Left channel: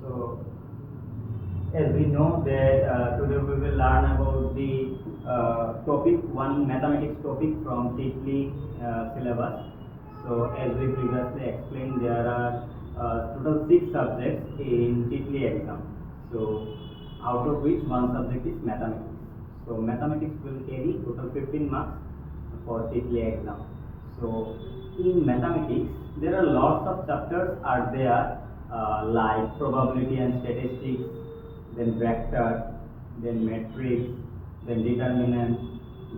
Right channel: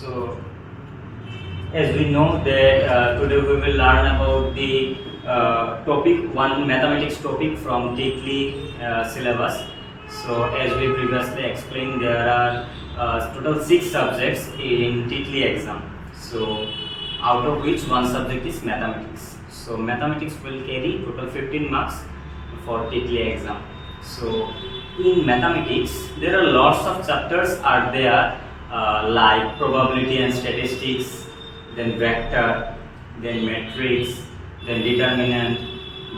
So, as we know that today we will learn about the topic 1 mathematics topic from TITLEE syllabus. So, as we previously explained, there are total 6 subjects in TITLEE exam. So, out of which one subject is mathematics. So, mathematics will carry total 15 marks for TITLEE exam. So, in mathematics, there are lots of chapters are there like probability and statistics, then vector, then matrix, then determinant,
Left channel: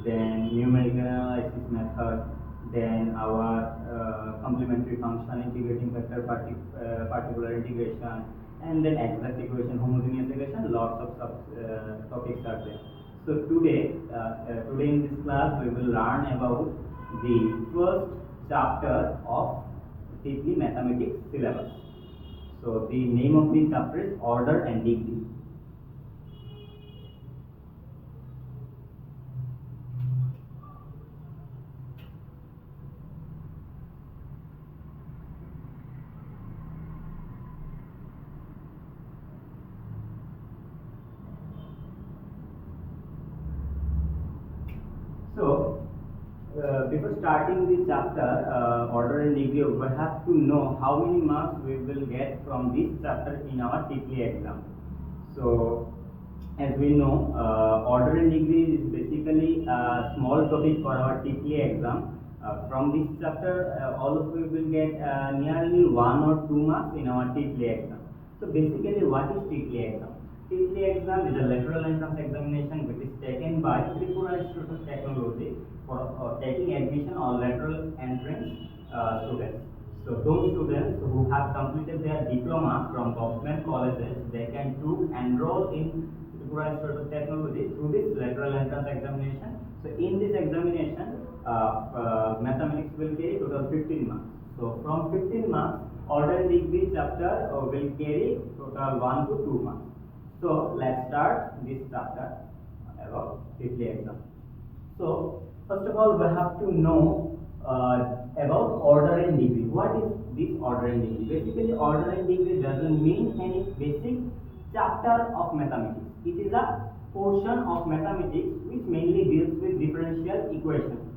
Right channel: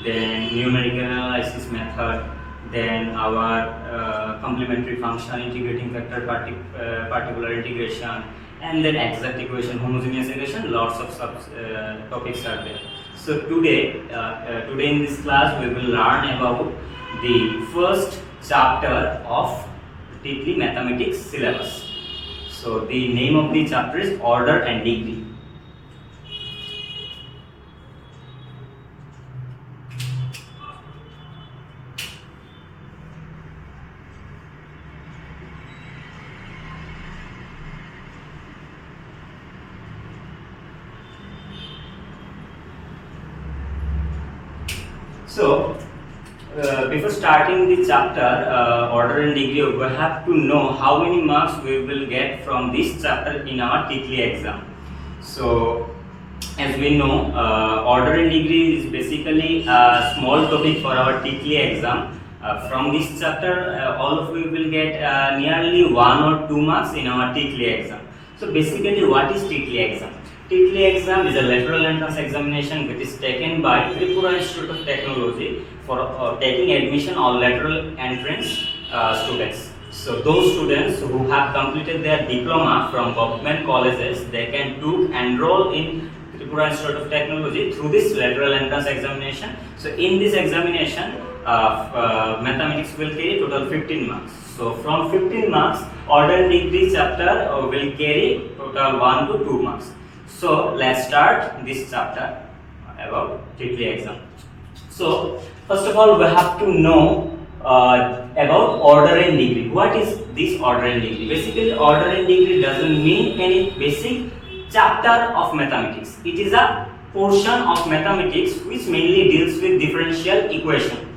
then numerical analysis method, then our complementary function, integrating factor, particular integration, and then exact equation, homogeneous equation. Lots of topics are there. So today in this class we will learn about the first chapter of TITLEE mathematics syllabus. So the name of the chapter is order and degree. So, before starting the chapter, order and degree, we have to know how many marks we will get from this chapter in our TITLEE exam. So, as we know, order and degree is basically a small topic for our TITLEE exam. From this chapter, all of you will get nearly 1 or 2 marks in our TITLEE exam. So, basically, what is TITLEE exam? TITLEE exam is a lateral entrance examination which is taken by Tripura Institute of Technology for taking admission on lateral entrance students. So those students who have completed their diploma from government colleges, they can enroll in Tripura Institute of Technology through this lateral entrance examination. So in this examination, mathematics will carry total 15 marks. So from 15 marks, order and degree chapter will carry total 1 to 2 marks. So let's start this chapter about TITLEE exam. So first of all, we have to know about order and degree. What is this order and degree? Basically, order and degree doesn't mean any basic chapter of mathematics. It is a portion of mathematics which mainly deals with differential equation.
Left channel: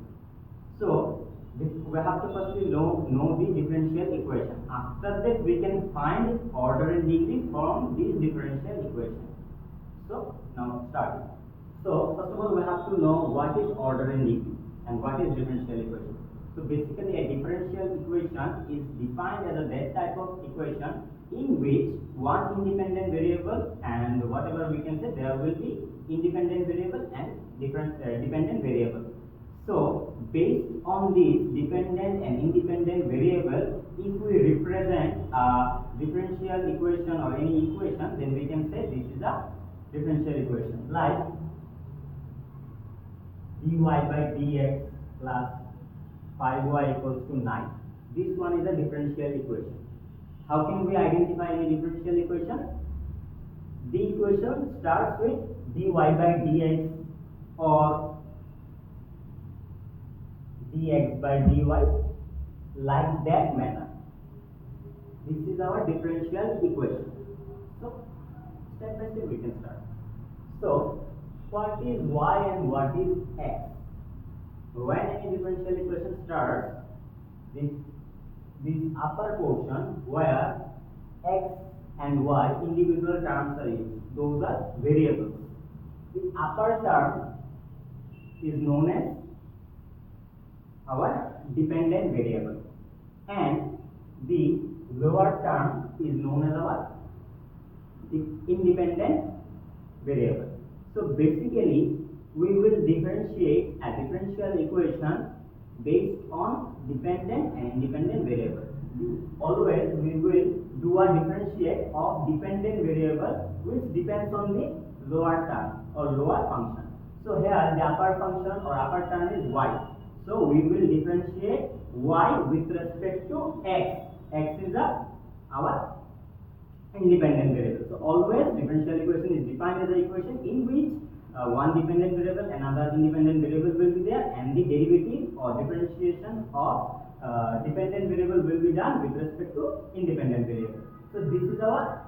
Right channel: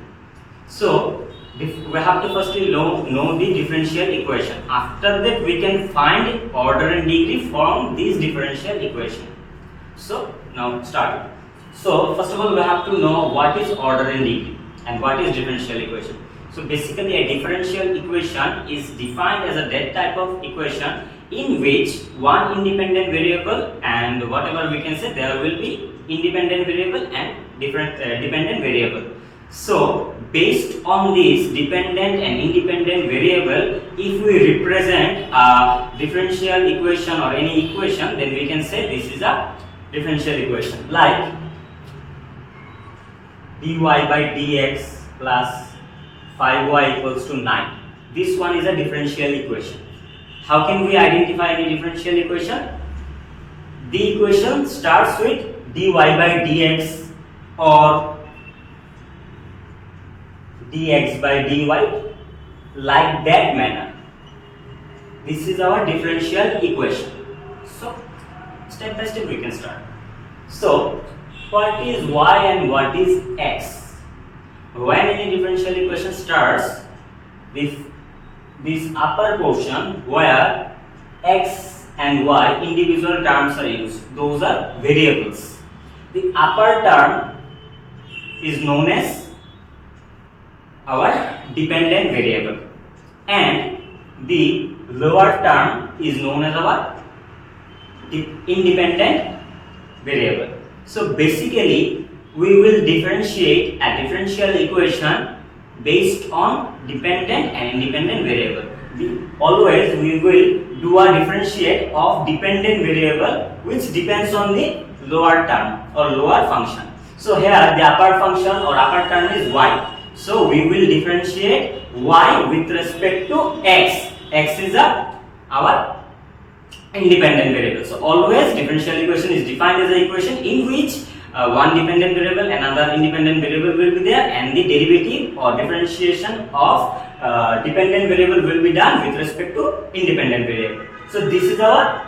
So we have to firstly know the differential equation. After that, we can find order and degree from this differential equation. So now start. So first of all, we have to know what is order and degree and what is differential equation. So basically, a differential equation is defined as a that type of equation in which one independent variable and whatever we can say, there will be independent variable and dependent variable. So based on this dependent and independent variable, if we represent a differential equation or any equation, then we can say this is a differential equation, like dy by dx plus 5y equals to 9. This one is a differential equation. How can we identify any differential equation? The equation starts with dy by dx or dx by dy, like that manner. This is our differential equation. So step by step we can start. So what is y and what is x? When any differential equation starts with this upper portion where x and y individual terms are used, those are variables. The upper term is known as our dependent variable and the lower term is known as our independent variable. So basically, we will differentiate a differential equation based on dependent and independent variable. Always we will do a differentiate of dependent variable which depends on the lower term or lower function. So here the upper function or upper term is y. So we will differentiate y with respect to x. X is our independent variable. So always differential equation is defined as an equation in which one dependent variable, another independent variable will be there, and the derivative or differentiation of dependent variable will be done with respect to independent variable. So this is our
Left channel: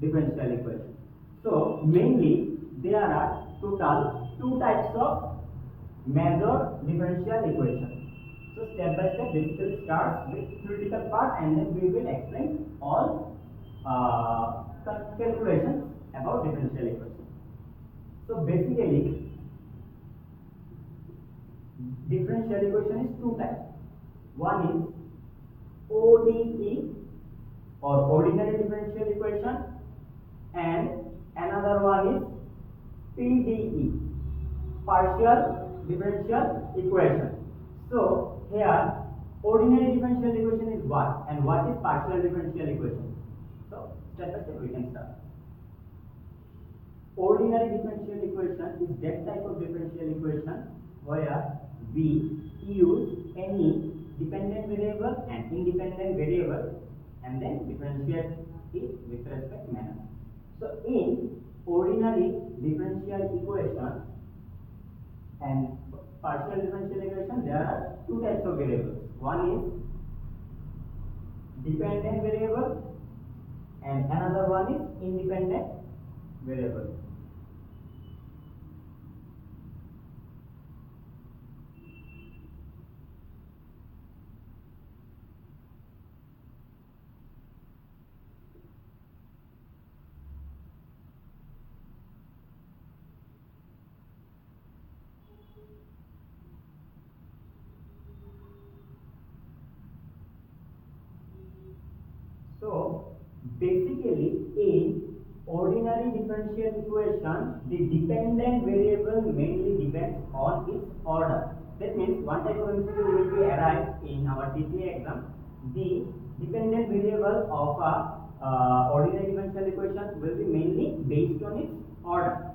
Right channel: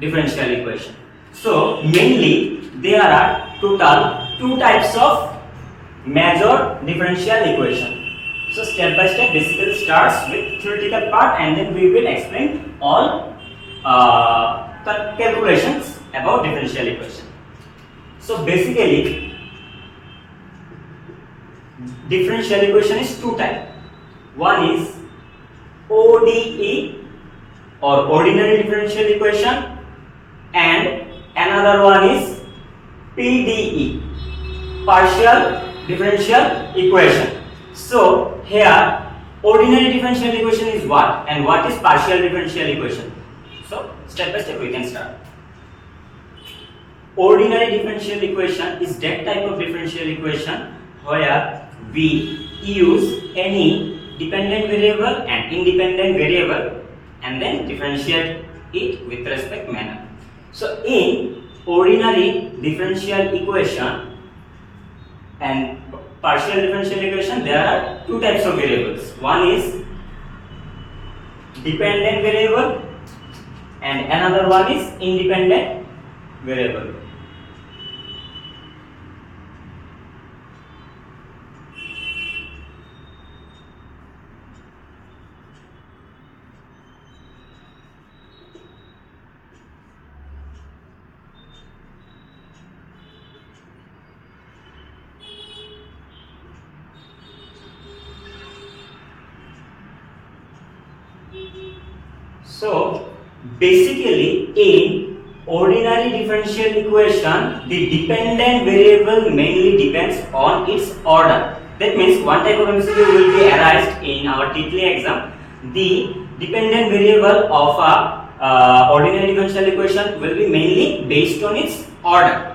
differential equation. So mainly there are total two types of major differential equation. So step by step, basically starts with theoretical part, and then we will explain all the calculations about differential equation. So basically, differential equation is two types. One is ODE or ordinary differential equation, and another one is PDE, partial differential equation. So here ordinary differential equation is what, and what is partial differential equation? So step by step we can start. Ordinary differential equation is that type of differential equation where we use any dependent variable and independent variable and then differentiate it with respect manner. So in ordinary differential equation and partial differential equation, there are two types of variables. One is dependent variable and another one is independent variable. So basically in ordinary differential equation, the dependent variable mainly depends on its order. That means one type of MCQ will be arised in our TITLEE exam. The dependent variable of a ordinary differential equation will be mainly based on its order.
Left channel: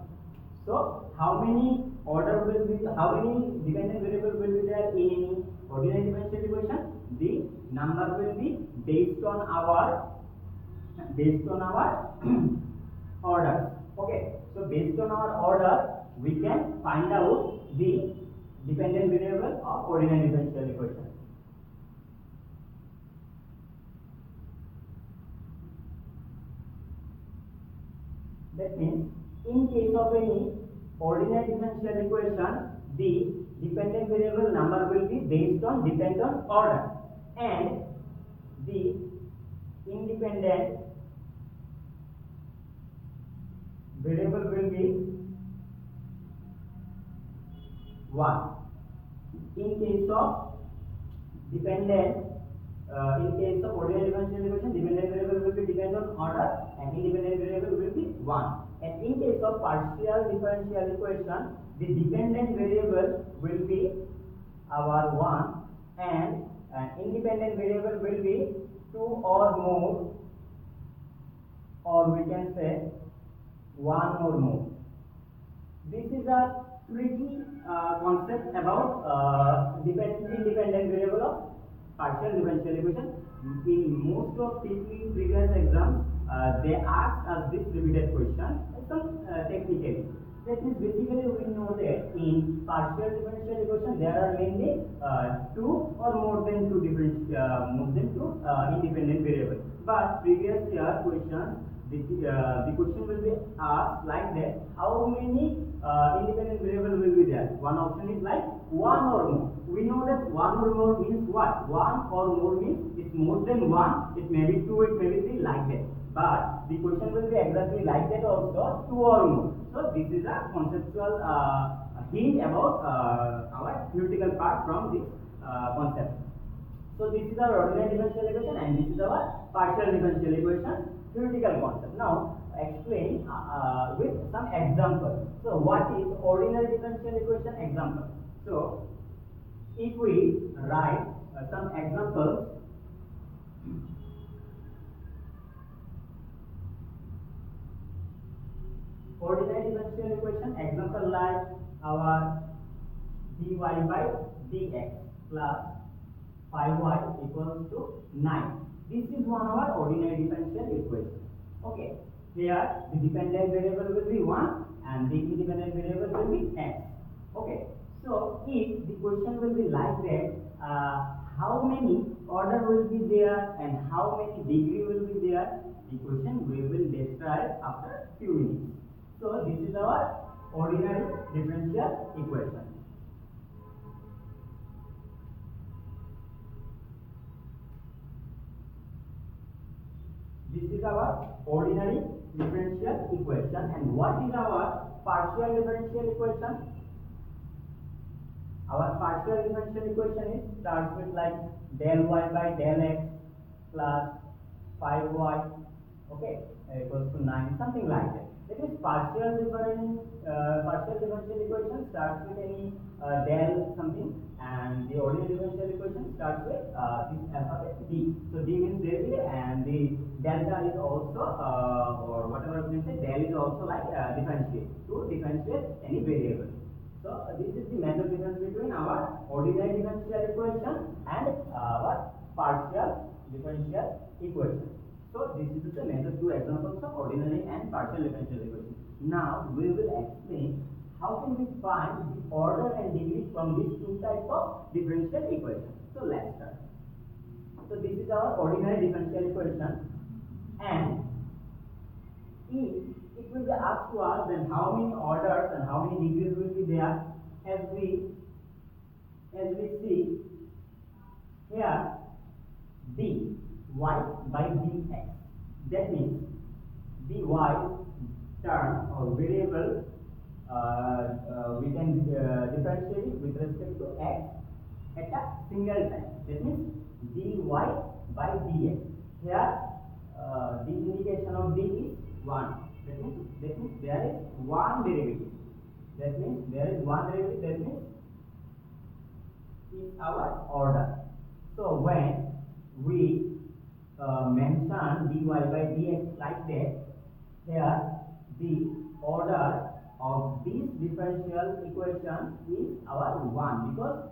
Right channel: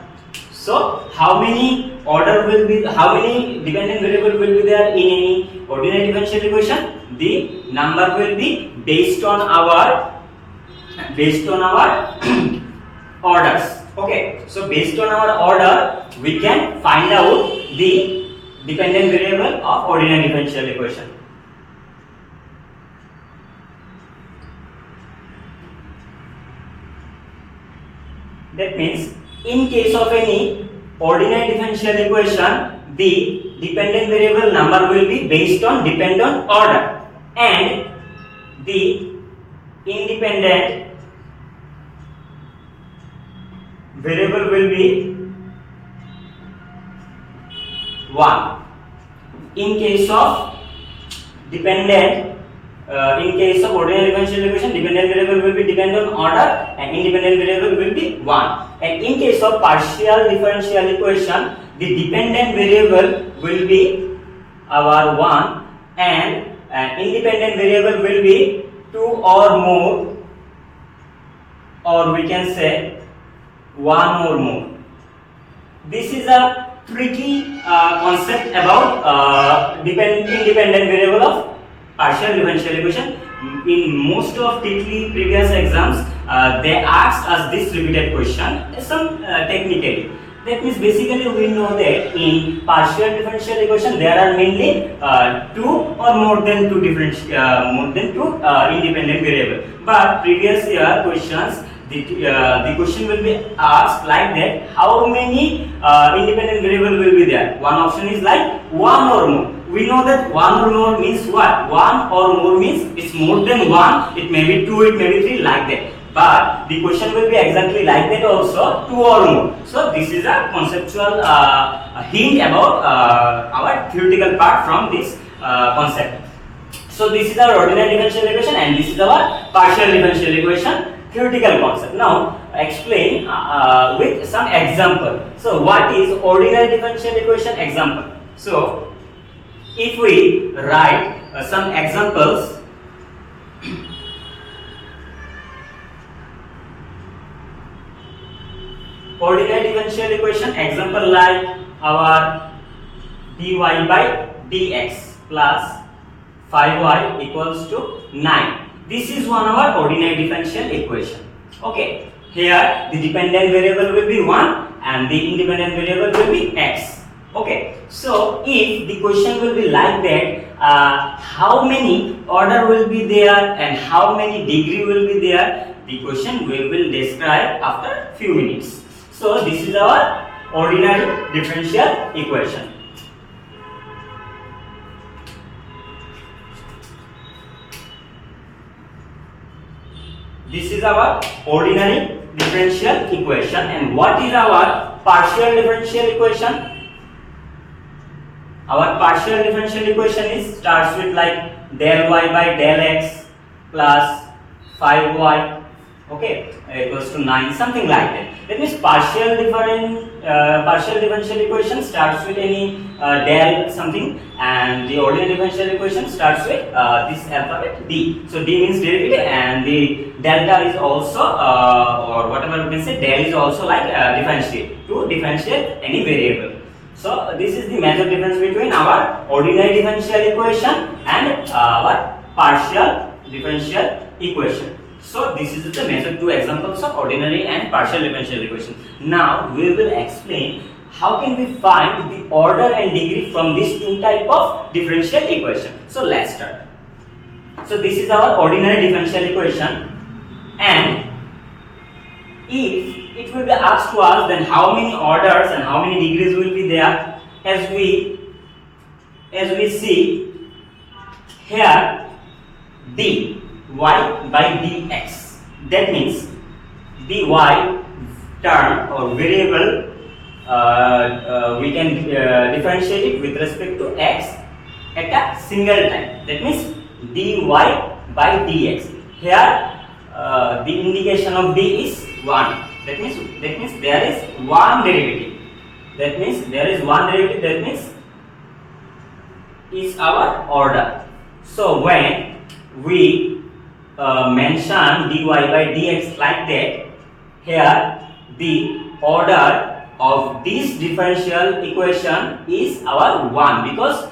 So how many dependent variable will be there in any ordinary differential equation? The number will be based on our orders. Okay, so based on our order we can find out the dependent variable of ordinary differential equation. That means in case of any ordinary differential equation, the dependent variable number will be based on dependent order, and the independent variable will be 1. In case of ordinary differential equation, dependent variable will be dependent on order and independent variable will be 1. And in case of partial differential equation, the dependent variable will be our 1 and independent variable will be 2 or more, or we can say 1 or more. This is a tricky concept about independent variable of partial differential equation. In most of TITLEE previous exams, they asked us this repeated question, some technically. That means basically we know that in partial differential equation there are mainly two or more than two independent variable. But previous year questions, the question will be asked like that: how many independent variable will be there? One option is like 1 or more. We know that 1 or more means what? 1 or more means it's more than 1. It may be 2, it may be 3, like that. But the question will be exactly like that also, 2 or more. So this is a conceptual hint about our theoretical part from this concept. So this is our ordinary differential equation and this is our partial differential equation theoretical concept. Now explain with some example. So what is ordinary differential equation example? So if we write some examples, ordinary differential equation example like our dy by dx plus 5y equals to 9. This is one of our ordinary differential equation. Okay, here the dependent variable will be 1 and the independent variable will be x. Okay, so if the question will be like that, how many order will be there and how many degree will be there, the question we will describe after few minutes. So this is our ordinary differential equation. This is our ordinary differential equation. And what is our partial differential equation? Our partial differential equation is starts with like del y by del x plus 5y, okay, equals to 9, something like that. That means partial differential equation starts with any del something, and the ordinary differential equation starts with this alphabet d. So d means derivative, and the delta is also or whatever we can say, del is also like differentiate, to differentiate any variable. So this is the major difference between our ordinary differential equation and our partial differential equation. So this is the major two examples of ordinary and partial differential equation. Now we will explain how can we find the order and degree from these two type of differential equation. So let's start. So this is our ordinary differential equation, and if it will be asked to us, then how many orders and how many degrees will be there? As we see here, dy by dx, that means dy term or variable we can differentiate it with respect to x at a single time. That means dy by dx. Here the indication of d is 1. That means there is one derivative. That means That means is our order. So when we mention dy by dx like that, here the order of this differential equation is our 1, because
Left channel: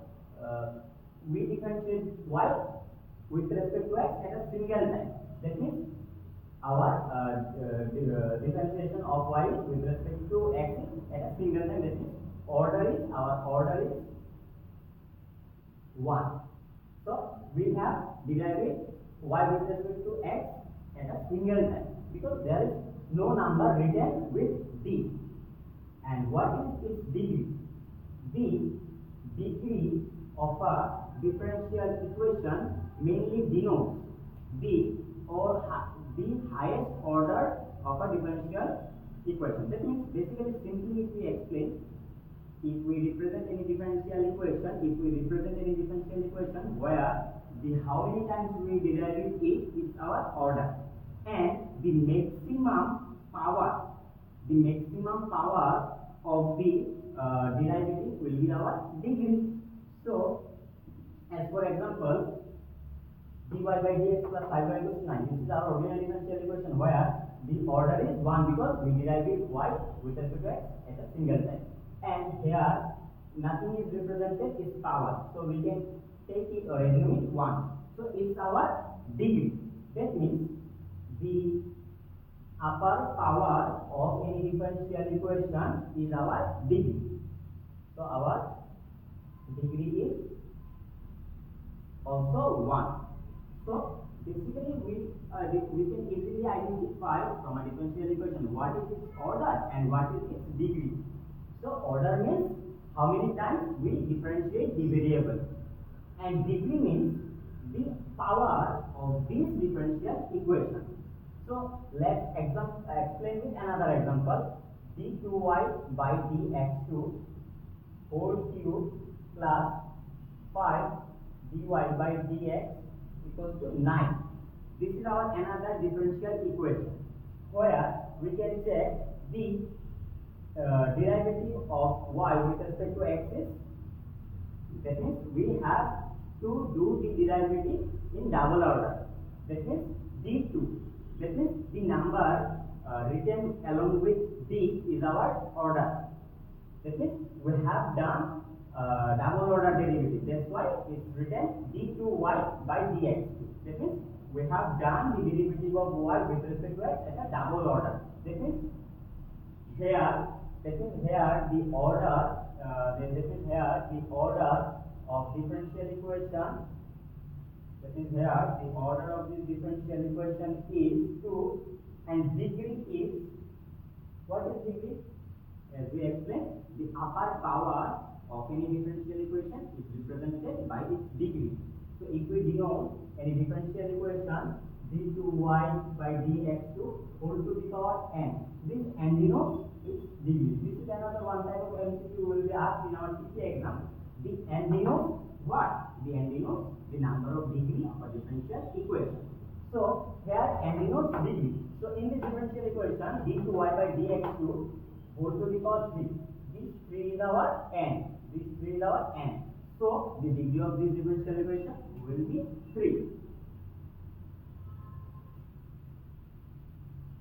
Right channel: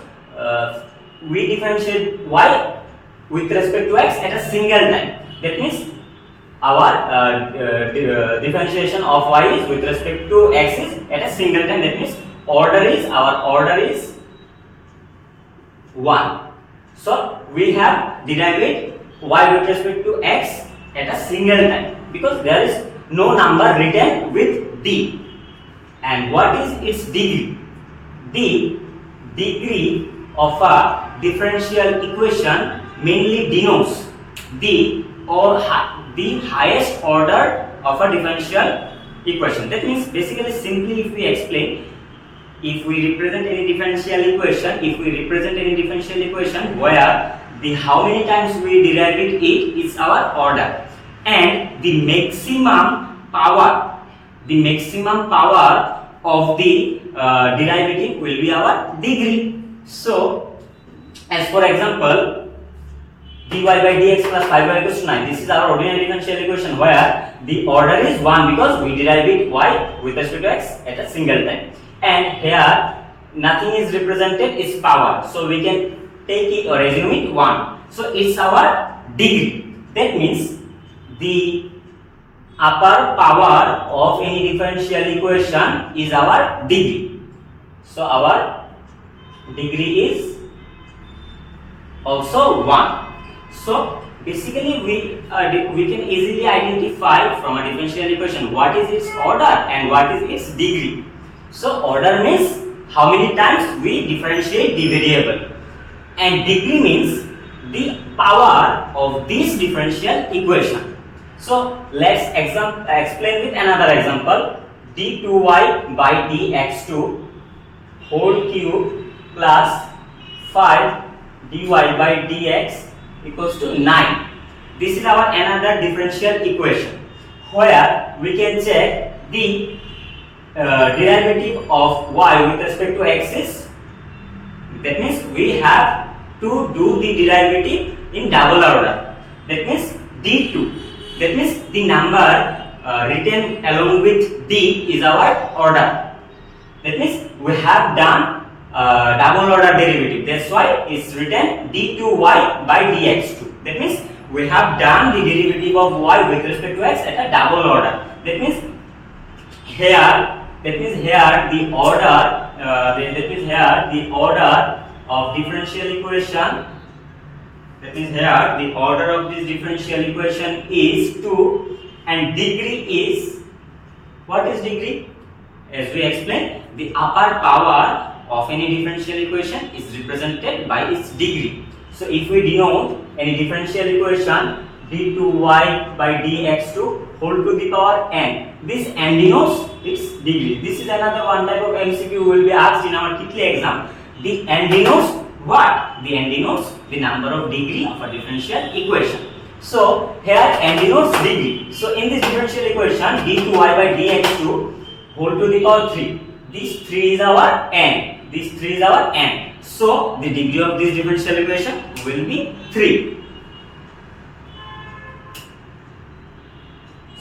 we differentiate y with respect to x at a single time. That means our differentiation of y is with respect to x is at a single time. That means our order is 1. So we have derived y with respect to x at a single time, because there is no number written with d. And what is its degree? The degree of a differential equation mainly denotes the highest order of a differential equation. That means basically, simply if we explain, if we represent any differential equation where the how many times we derive it is our order, and the maximum power of the derivative will be our degree. So as for example, dy by dx plus 5y equals to 9. This is our ordinary differential equation where the order is 1, because we derive it y with respect to x at a single time. And here nothing is represented, is power. So we can take it or assume it 1. So it's our degree. That means the upper power of any differential equation is our degree. So our degree is also 1. So basically we can easily identify from a differential equation what is its order and what is its degree. So order means how many times we differentiate the variable, and degree means the power of this differential equation. So let's explain with another example. d2y by dx2 whole cube plus 5 dy by dx equals to 9. This is our another differential equation where we can check the derivative of y with respect to x is, that means we have to do the derivative in double order. That means d2, that means the number written along with d is our order. That means we have done double order derivative. That's why it's written d2y by dx2. That means we have done the derivative of y with respect to x at a double order. That means here the order of differential equation. That means here the order of this differential equation is 2 and degree is, what is degree? As we explained, the upper power of any differential equation is represented by its degree. So if we denote any differential equation d2y by dx2 whole to the power n, this n denotes its degree. This is another one type of MCQ will be asked in our TITLEE exam. The n denotes what? The n denotes the number of degree of a differential equation. So here n denotes degree. So in this differential equation d2y by dx2 whole to the power 3. This 3 is our n. This 3 is our n. So the degree of this differential equation will be 3.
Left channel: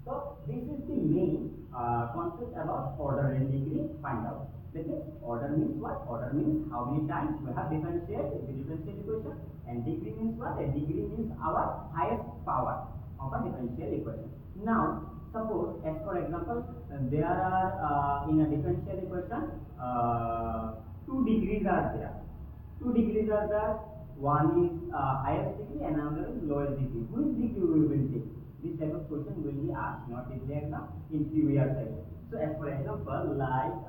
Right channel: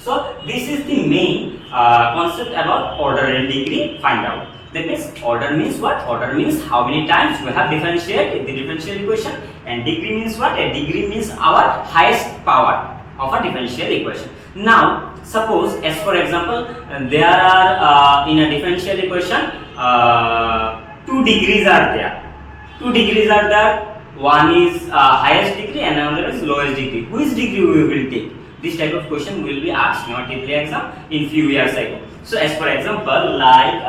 So this is the main concept about order and degree find out. That means order means what? Order means how many times we have differentiated the differential equation, and degree means what? A degree means our highest power of a differential equation. Now suppose, as for example, there are in a differential equation 2 degrees are there. 2 degrees are there. One is highest degree and another is lowest degree. Which degree we will take? This type of question will be asked in our TITLEE exam in few years ago. So as for example, like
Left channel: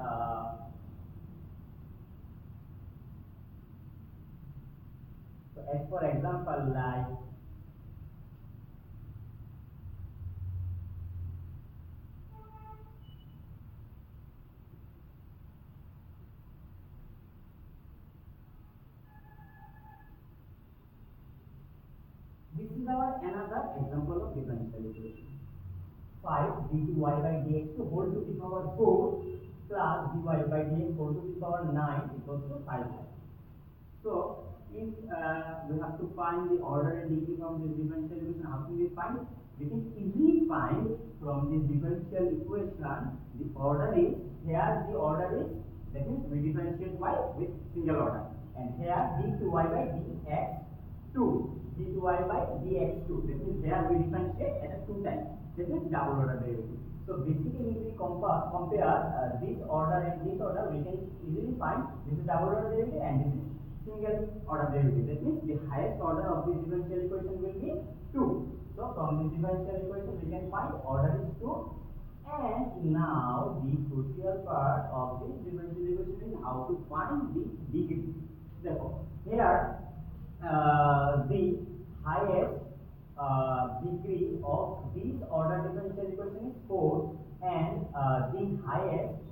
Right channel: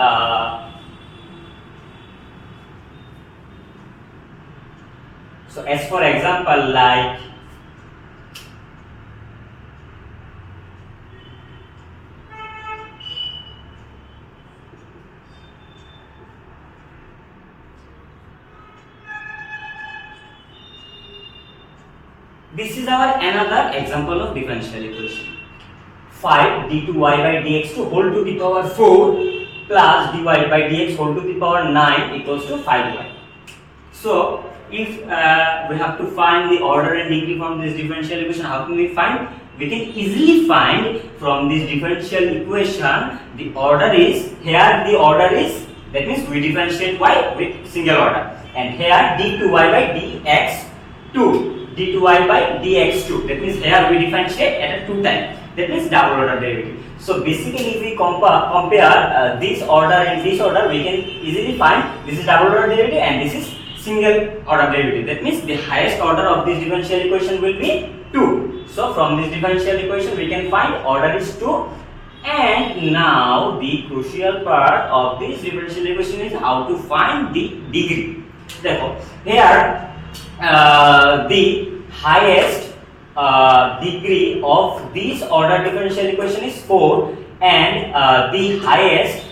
this is our another example of differential equation. 5 d2y by dx2 whole to the power 4 plus dy by dx whole to the power 9 equals to 5y. So if we have to find the order and degree from this differential equation, how can we find? We can easily find from this differential equation the order is, here the order is, that means we differentiate y with single order, and here d2y by dx2, d2y by dx2, that means here we differentiate at a 2 time, that means double order derivative. So basically if we compare this order and this order, we can easily find this is double order derivative and this is single order derivative. That means the highest order of this differential equation will be 2. So from this differential equation we can find order is 2. And now the crucial part of this differential equation is how to find the degree. Therefore here the highest degree of this order differential equation is 4, and the highest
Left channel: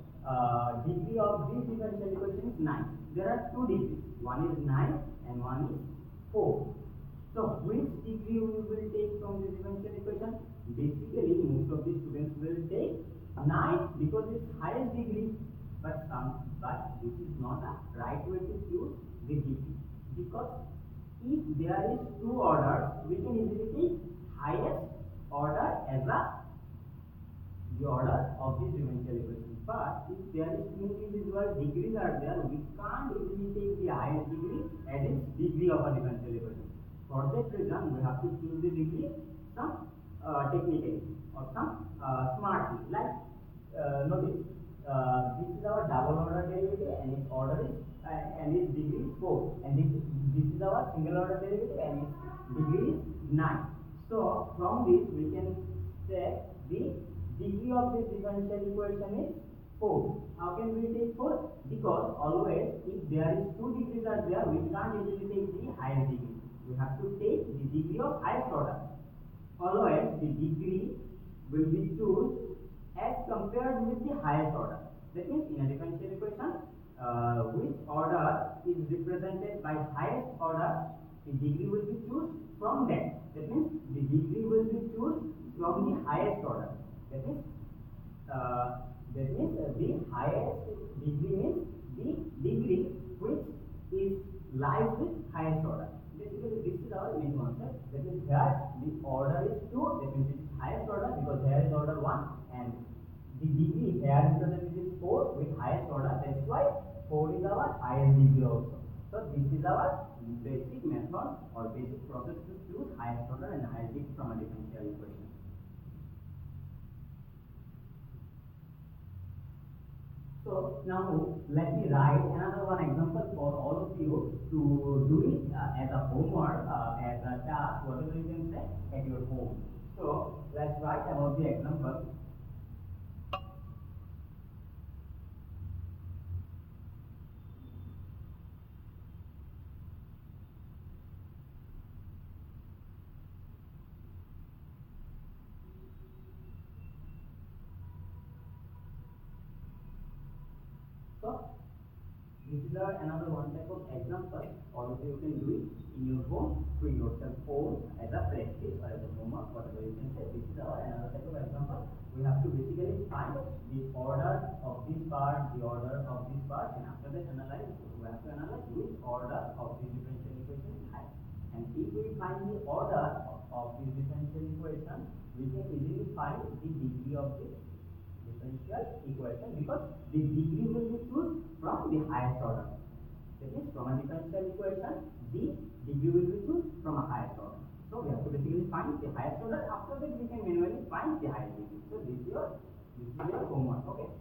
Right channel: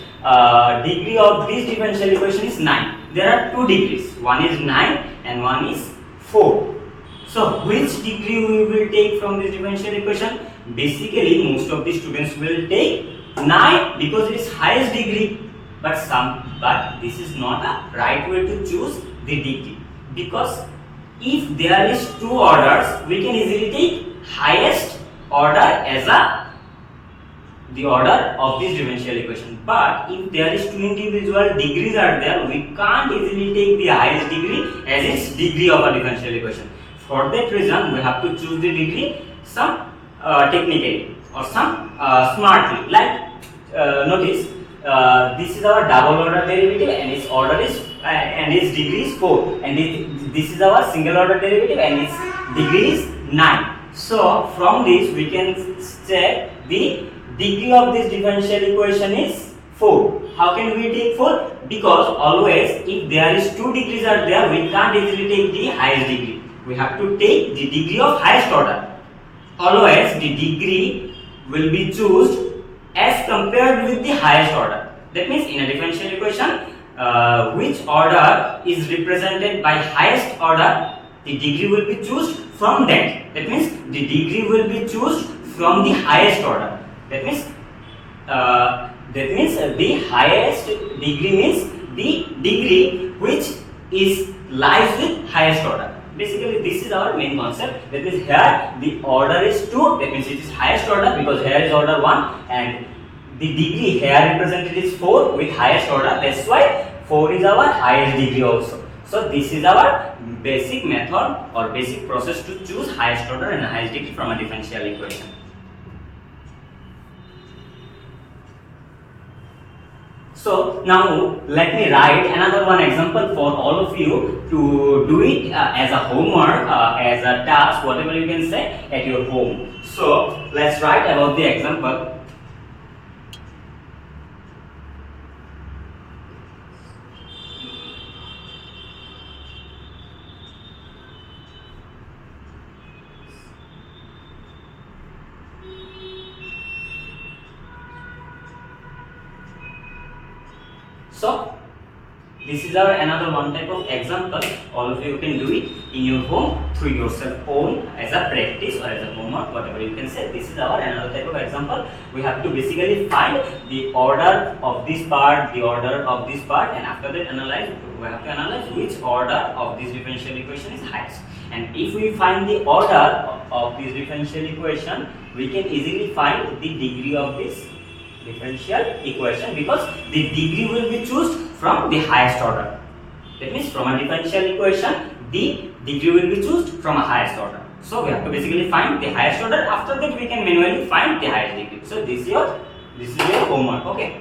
degree of this differential equation is 9. There are 2 degrees, one is 9 and one is 4. So which degree we will take from this differential equation? Basically most of the students will take 9 because it is highest degree, but this is not a right way to choose the degree, because if there is 2 orders, we can easily take highest order as the order of this differential equation. But if there is 2 individual degrees are there, we can't easily take the highest degree as its degree of a differential equation. For that reason, we have to choose the degree some technically or some smartly. Like notice this is our double order derivative and its order is and its degree is 4, and this is our single order derivative and its degree is 9. So from this we can check the degree of this differential equation is 4. How can we take 4? Because always if there is 2 degrees are there, we can't easily take the highest degree. We have to take the degree of highest order. Always the degree will be chosen as compared with the highest order. That means in a differential equation, which order is represented by highest order, the degree will be chosen from that. That means the degree will be chosen from the highest order. That means the highest degree means the degree which is lies with highest order. Basically this is our main concept. That means here the order is 2, that means it is highest order because here is order 1, and the degree here represented is 4 with highest order. That's why 4 is our highest degree also. So this is our basic method or basic process to choose highest order and highest degree from a differential equation. So now let me write another one example for all of you to do it as a homework, as a task, whatever you can say, at your home. So let's write about the example. So this is our another one type of example. All of you can do it in your home through yourself own as a practice or as a homework, whatever you can say. This is our another type of example. We have to basically find the order of this part, the order of this part, and after that analyze. We have to analyze which order of this differential equation is highest. And if we find the order of this differential equation, we can easily find the degree of this differential equation, because the degree will be chosen from the highest order. That means from a differential equation, the degree will be chosen from a highest order. So we have to basically find the highest order. After that, we can manually find the highest degree. So this is your homework. Okay.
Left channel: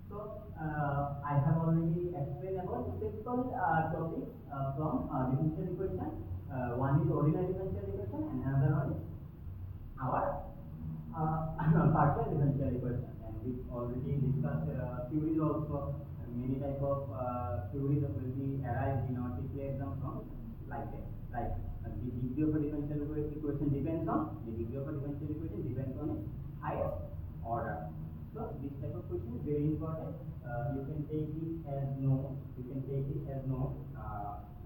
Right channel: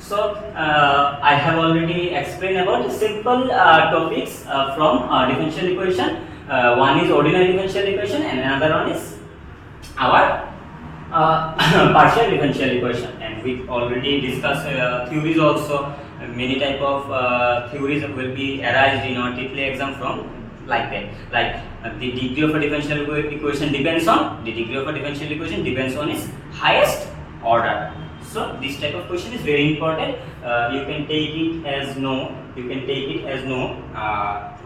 So I have already explained about simple topics from differential equation. One is ordinary differential equation and another one is our partial differential equation. And we already discussed theories also. Many type of theories will be arised in our TITLEE exam from like that. Like the degree of a differential equation depends on its highest order. So this type of question is very important. You can take it as no.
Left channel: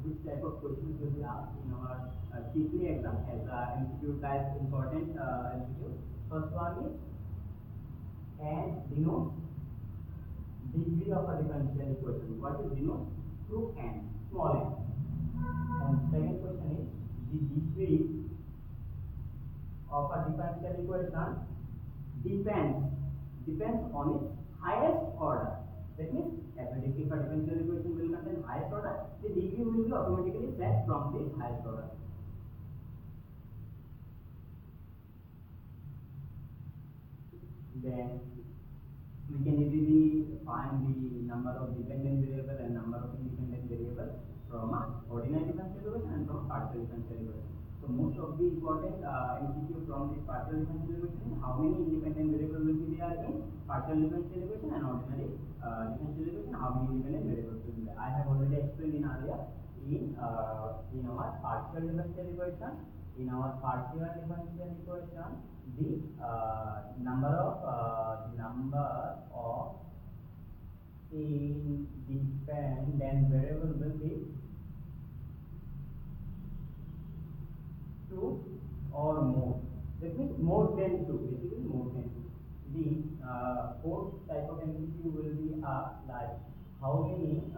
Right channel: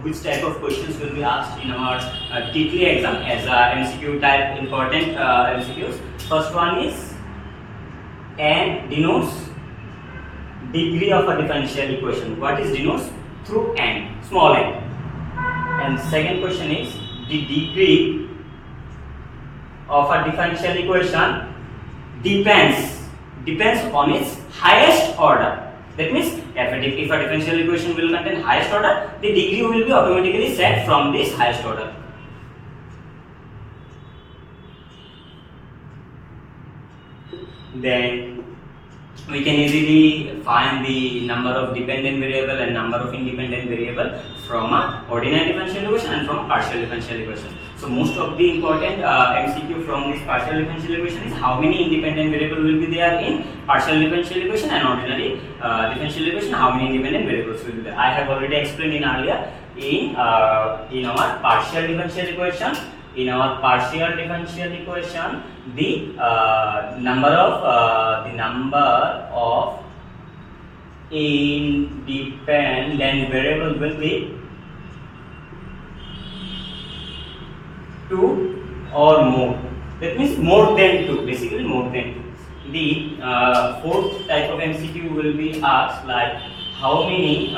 Which type of questions will be asked in our TITLEE exam as MCQ type important MCQs. First one is n denotes degree of a differential equation. What is denotes? Through n, small n. And second question is the degree of a differential equation depends on its highest order. That means if a differential equation will contain highest order, the degree will be automatically set from this highest order. Then we can easily find the number of dependent variable and number of independent variable from a ordinary differential equation and from a partial differential equation. So most of the important MCQ from this partial differential equation is how many independent variable will be there in partial differential equation and ordinary differential equation, how many independent variables will be there. I have already explained in earlier in our partial differential equation. In our partial differential equation, the number of independent variable will be 2 or more. That means more than 2. Basically, more than 2. The fourth type of MCQ will be asked like how many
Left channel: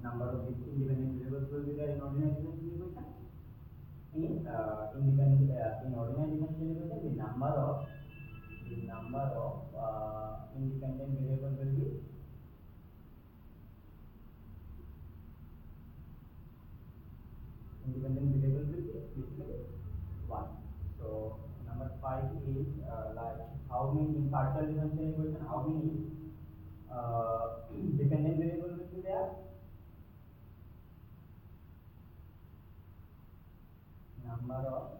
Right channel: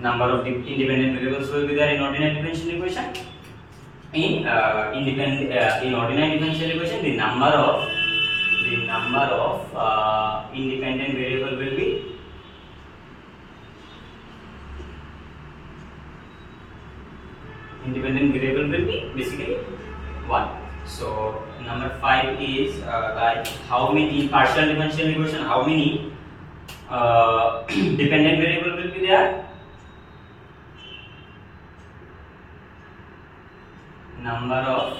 number of independent variables will be there in ordinary differential equation. In ordinary differential equation, the number of independent variable will be basically 1. So number 5 is like how many in partial differential equation, how many dependent variable will be there. Number of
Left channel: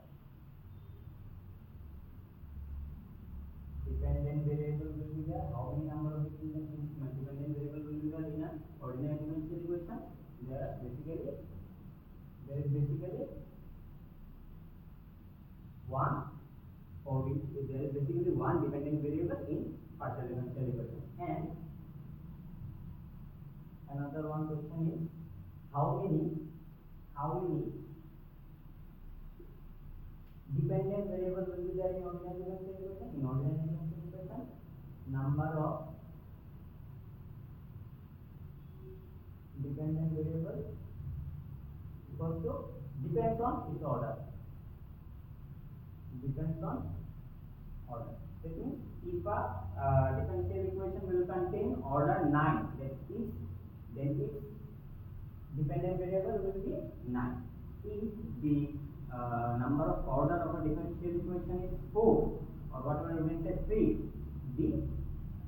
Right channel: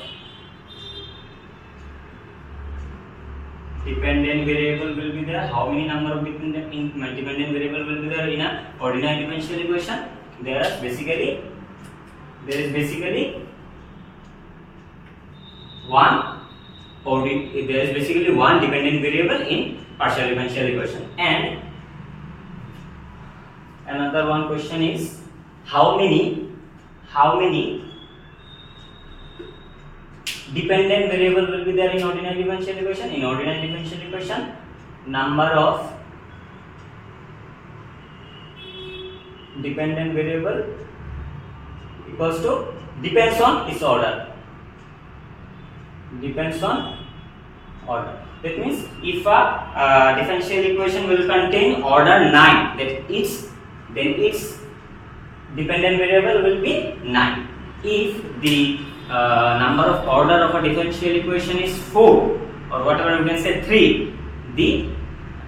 dependent variable will be there. How many number of dependent variable will be there in a ordinary differential equation? There is basically one dependent variable in partial differential equation. And another one question is how many dependent variable will be there in ordinary differential equation. In ordinary differential equation, number of dependent variable equals to depends on its order. That means if a differential equation will contain order 9, then its dependent variable will be 9. if the number of order of a differential equation is 4 or whatever we can say 3, the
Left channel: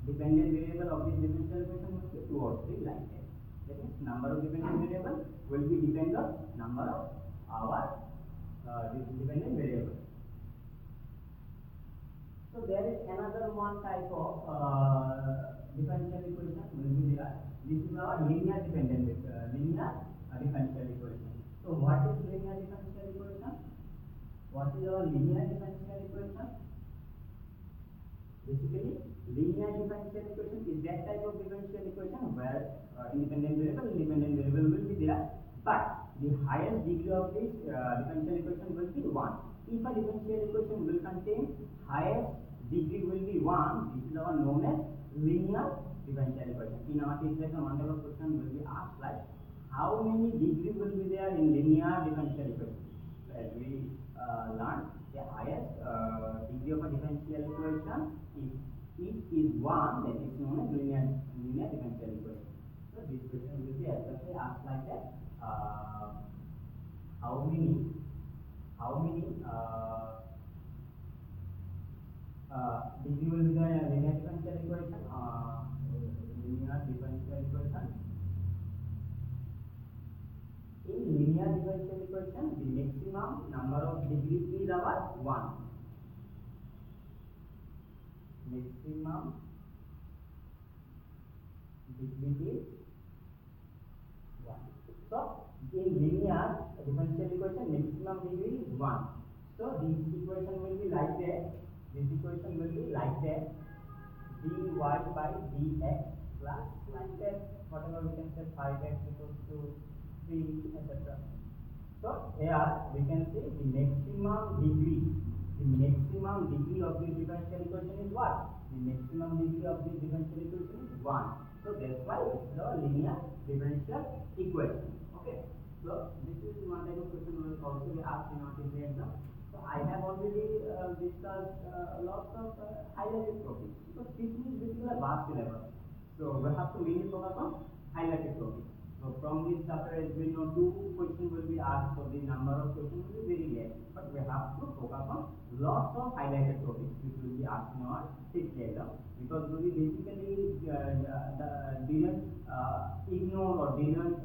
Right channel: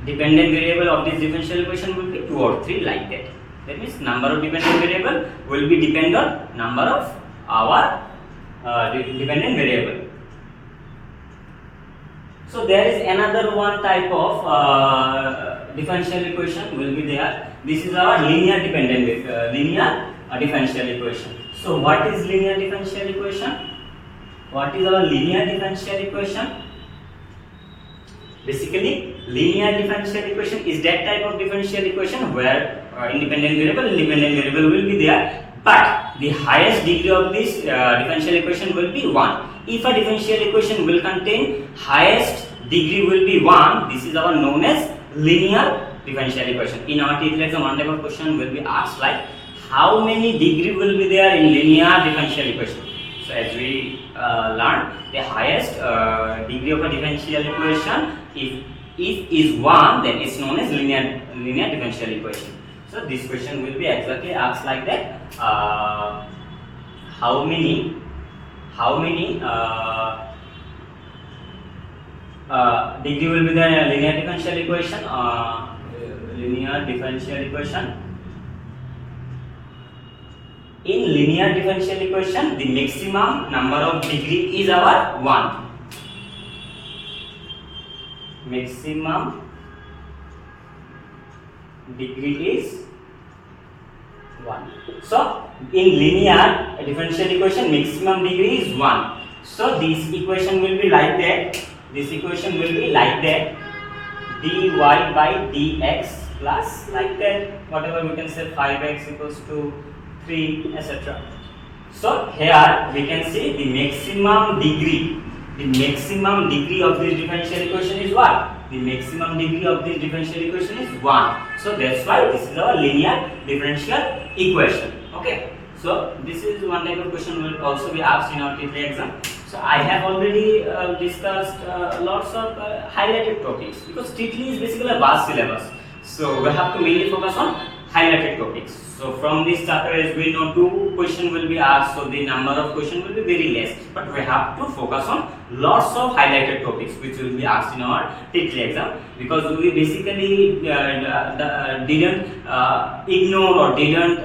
dependent variable of this differential equation will be 2 or 3, like that. That means number of dependent variable will be depend on number of our dependent variable. So there is another one type of differential equation will be there. This is our linear dependent differential equation. So what is linear differential equation? What is our linear differential equation? Basically, linear differential equation is that type of differential equation where independent variable and dependent variable will be there, but the highest degree of this differential equation will be 1. If a differential equation will contain highest degree will be 1, this is our known as linear differential equation. In our TITLEE exam, one type of question will be asked like how many degree will be there in linear differential equation. So as we learned, the highest degree of a differential equation, if is 1, then it's known as linear differential equation. So this question will be exactly asked like that. How many degree will be the linear differential equation? In linear differential equation, the maximum number of degree is our 1. Maximum degree is 1. So in linear differential equation, maximum degree is 1. So this equation will be like that. This equation will be like that. dy by dx plus like that. Whatever we can say 5x equals to 3, etc. So here we can see the maximum degree. The maximum degree of this differential equation is what? The maximum degree of this differential equation is 1. So that's why this is our linear differential equation. Okay. So this is one type of question will also be asked in our TITLEE exam. So I have already discussed lots of highlighted topics, because TITLEE is basically a vast syllabus. So we have to mainly focus on highlighted topics. So from this chapter, as we know, 2 questions will be asked, so the number of questions will be very less. But we have to focus on lots of highlighted topics which will be asked in our TITLEE exam, because we basically didn't ignore or didn't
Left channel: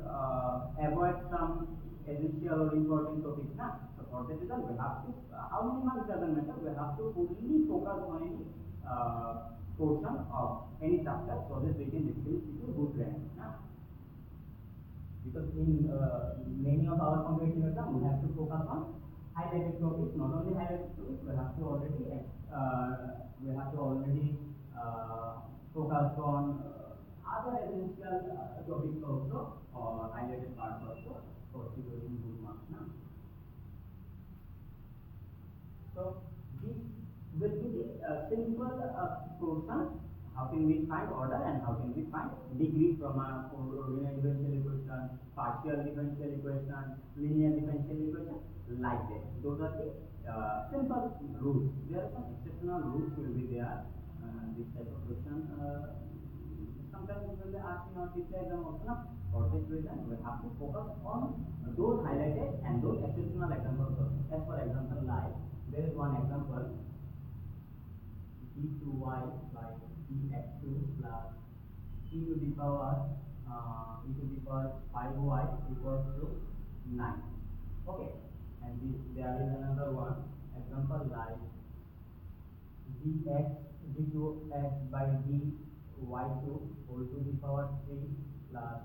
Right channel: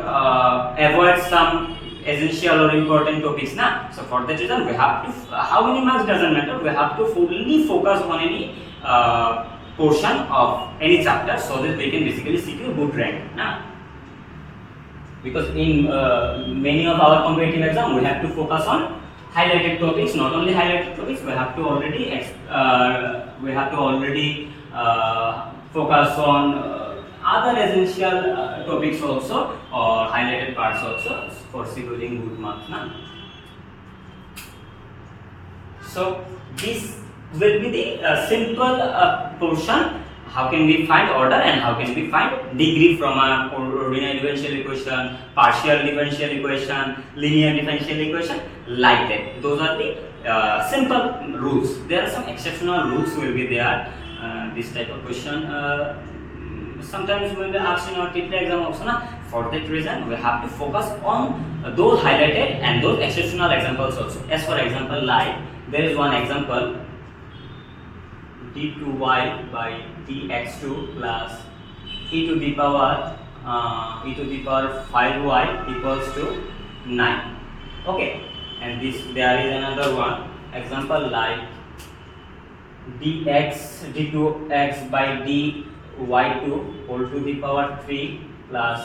avoid some essential or important topics now. So for that reason, we have to, how many marks doesn't matter, we have to fully focus on any portion of any chapter, so that we can basically secure good rank now. Because in many of our competitive exam, we have to focus on highlighted topics. Not only highlighted topics, we have to already focus on other essential topics also, or highlighted parts also, for securing good marks now. So this will be the simple portion. How can we find order and how can we find degree from a ordinary differential equation, partial differential equation, linear differential equation, like that. Those are the simple rules. There are some exceptional rules will be there. This type of question sometimes will be asked in our TITLEE exam also. For that reason, we have to focus on those highlighted and those exceptional examples also. As for example, like there is one example, d2y by dx2 plus e to the power 5y equals to 9. Okay, and this there is another one example like d2x by dy2 whole to the power 3 plus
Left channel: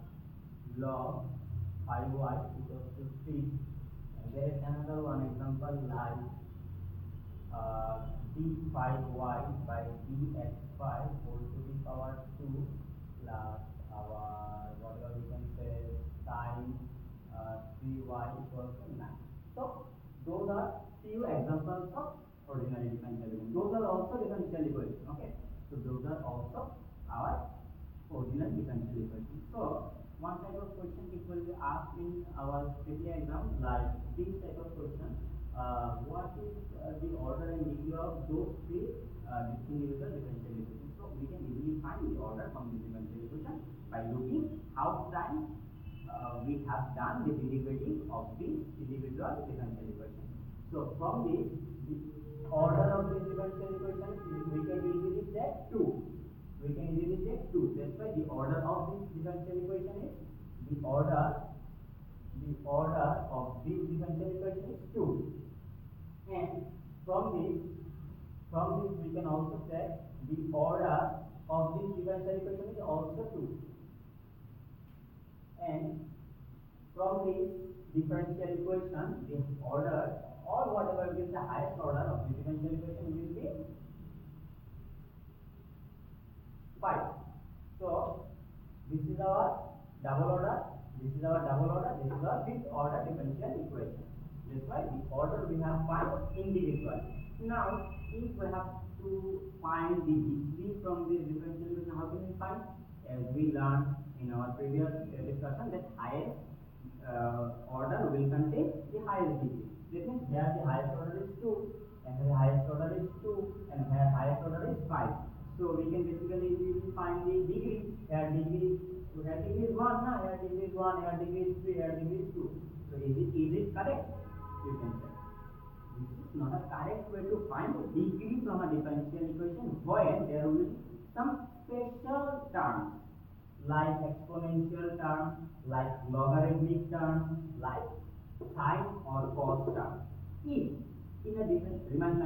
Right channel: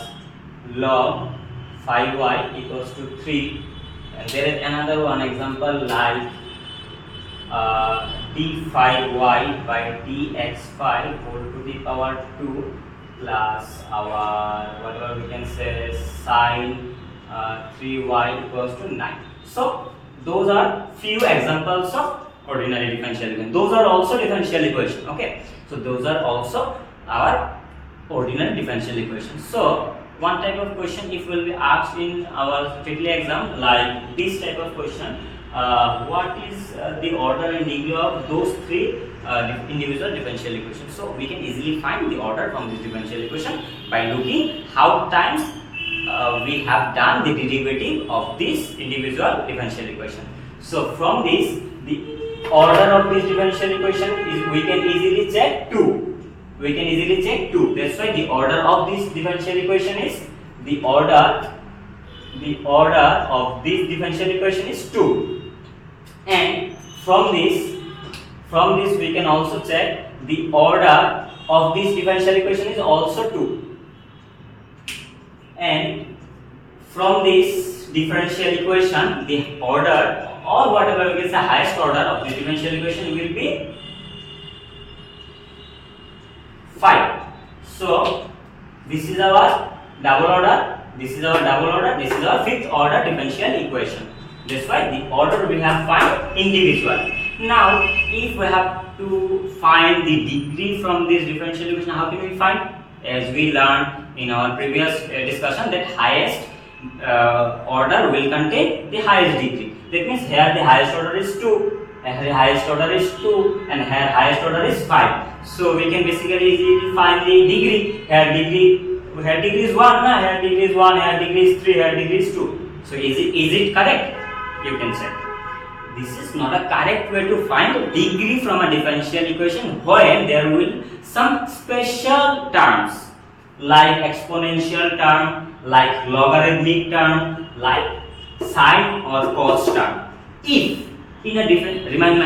log 5y equals to 3. And there is another one example like d5y by dx5 whole to the power 2 plus our whatever we can say sine 3y equals to 9. So those are few examples of ordinary differential equation. Those are also differential equation. Okay, so those are also our ordinary differential equation. So one type of question if will be asked in our TITLEE exam, like this type of question, what is the order and degree of those 3 individual differential equations. So we can easily find the order from this differential equation by looking how times we have done the derivative of this individual differential equation. So from this, the order of this differential equation is, we can easily check 2. We can easily check 2. That's why the order of this differential equation is, the order of this differential equation is 2. And from this we can also check the order of this differential equation is also 2. And from this differential equation, the order or whatever we can say highest order of the differential equation will be 5. So this is our double order, this is our double order, this is our fifth order differential equation. That's why the order we have find individual. Now if we have to find the degree from this differential equation, how can we find? As we learned in our previous discussion, that highest order will contain the highest degree. That means here the highest order is 2, and the highest order is 2, and here highest order is 5. So we can basically easily find the degree. Here degree is 1, here degree is 1, here degree is 3, here degree is 2. So is it correct? You can check. This is not a correct way to find degree from a differential equation when there will some special terms like exponential term, like logarithmic term, like sine or cos term. If in a different, remind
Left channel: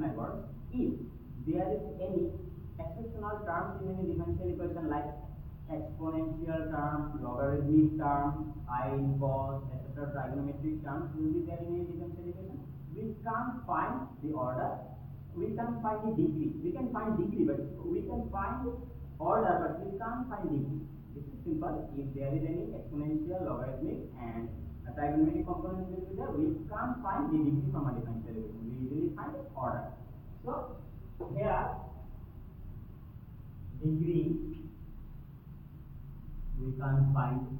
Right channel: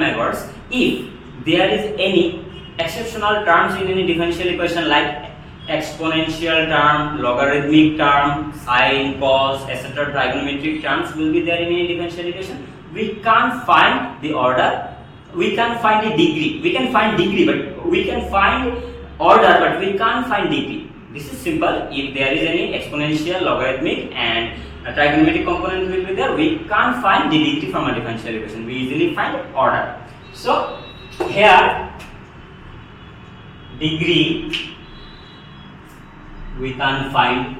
my words, if there is any exceptional terms in any differential equation like exponential term, logarithmic term, sine, cos, etc., trigonometric terms will be there in any differential equation, we can't find the order, we can't find the degree. We can find degree, but we can find order, but we can't find degree. This is simple. If there is any exponential, logarithmic and a trigonometric component will be there, we can't find the degree from a differential equation. We easily find order. So here degree we can't find,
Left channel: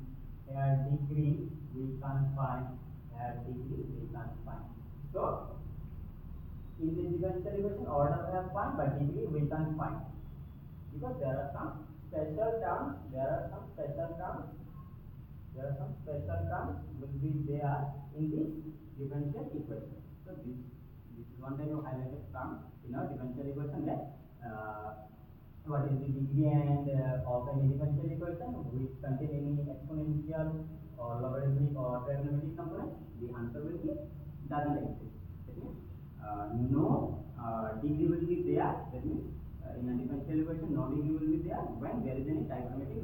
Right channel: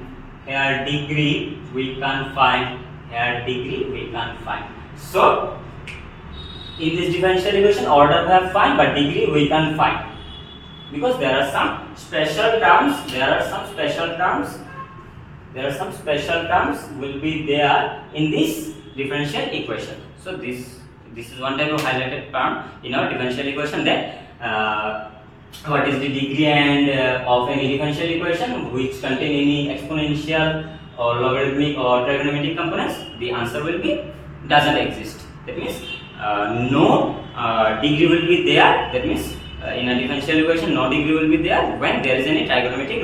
here degree we can't find, here degree we can't find. So in this differential equation, order we have find, but degree we can't find, because there are some special terms. There are some special terms will be there in this differential equation. So this is one type of highlighted term in our differential equation. That what is the degree and of any differential equation which contain any exponential or logarithmic or trigonometric components? The answer will be doesn't exist. That means no degree will be there. That means in a differential equation, no degree will be there when there is any trigonometric,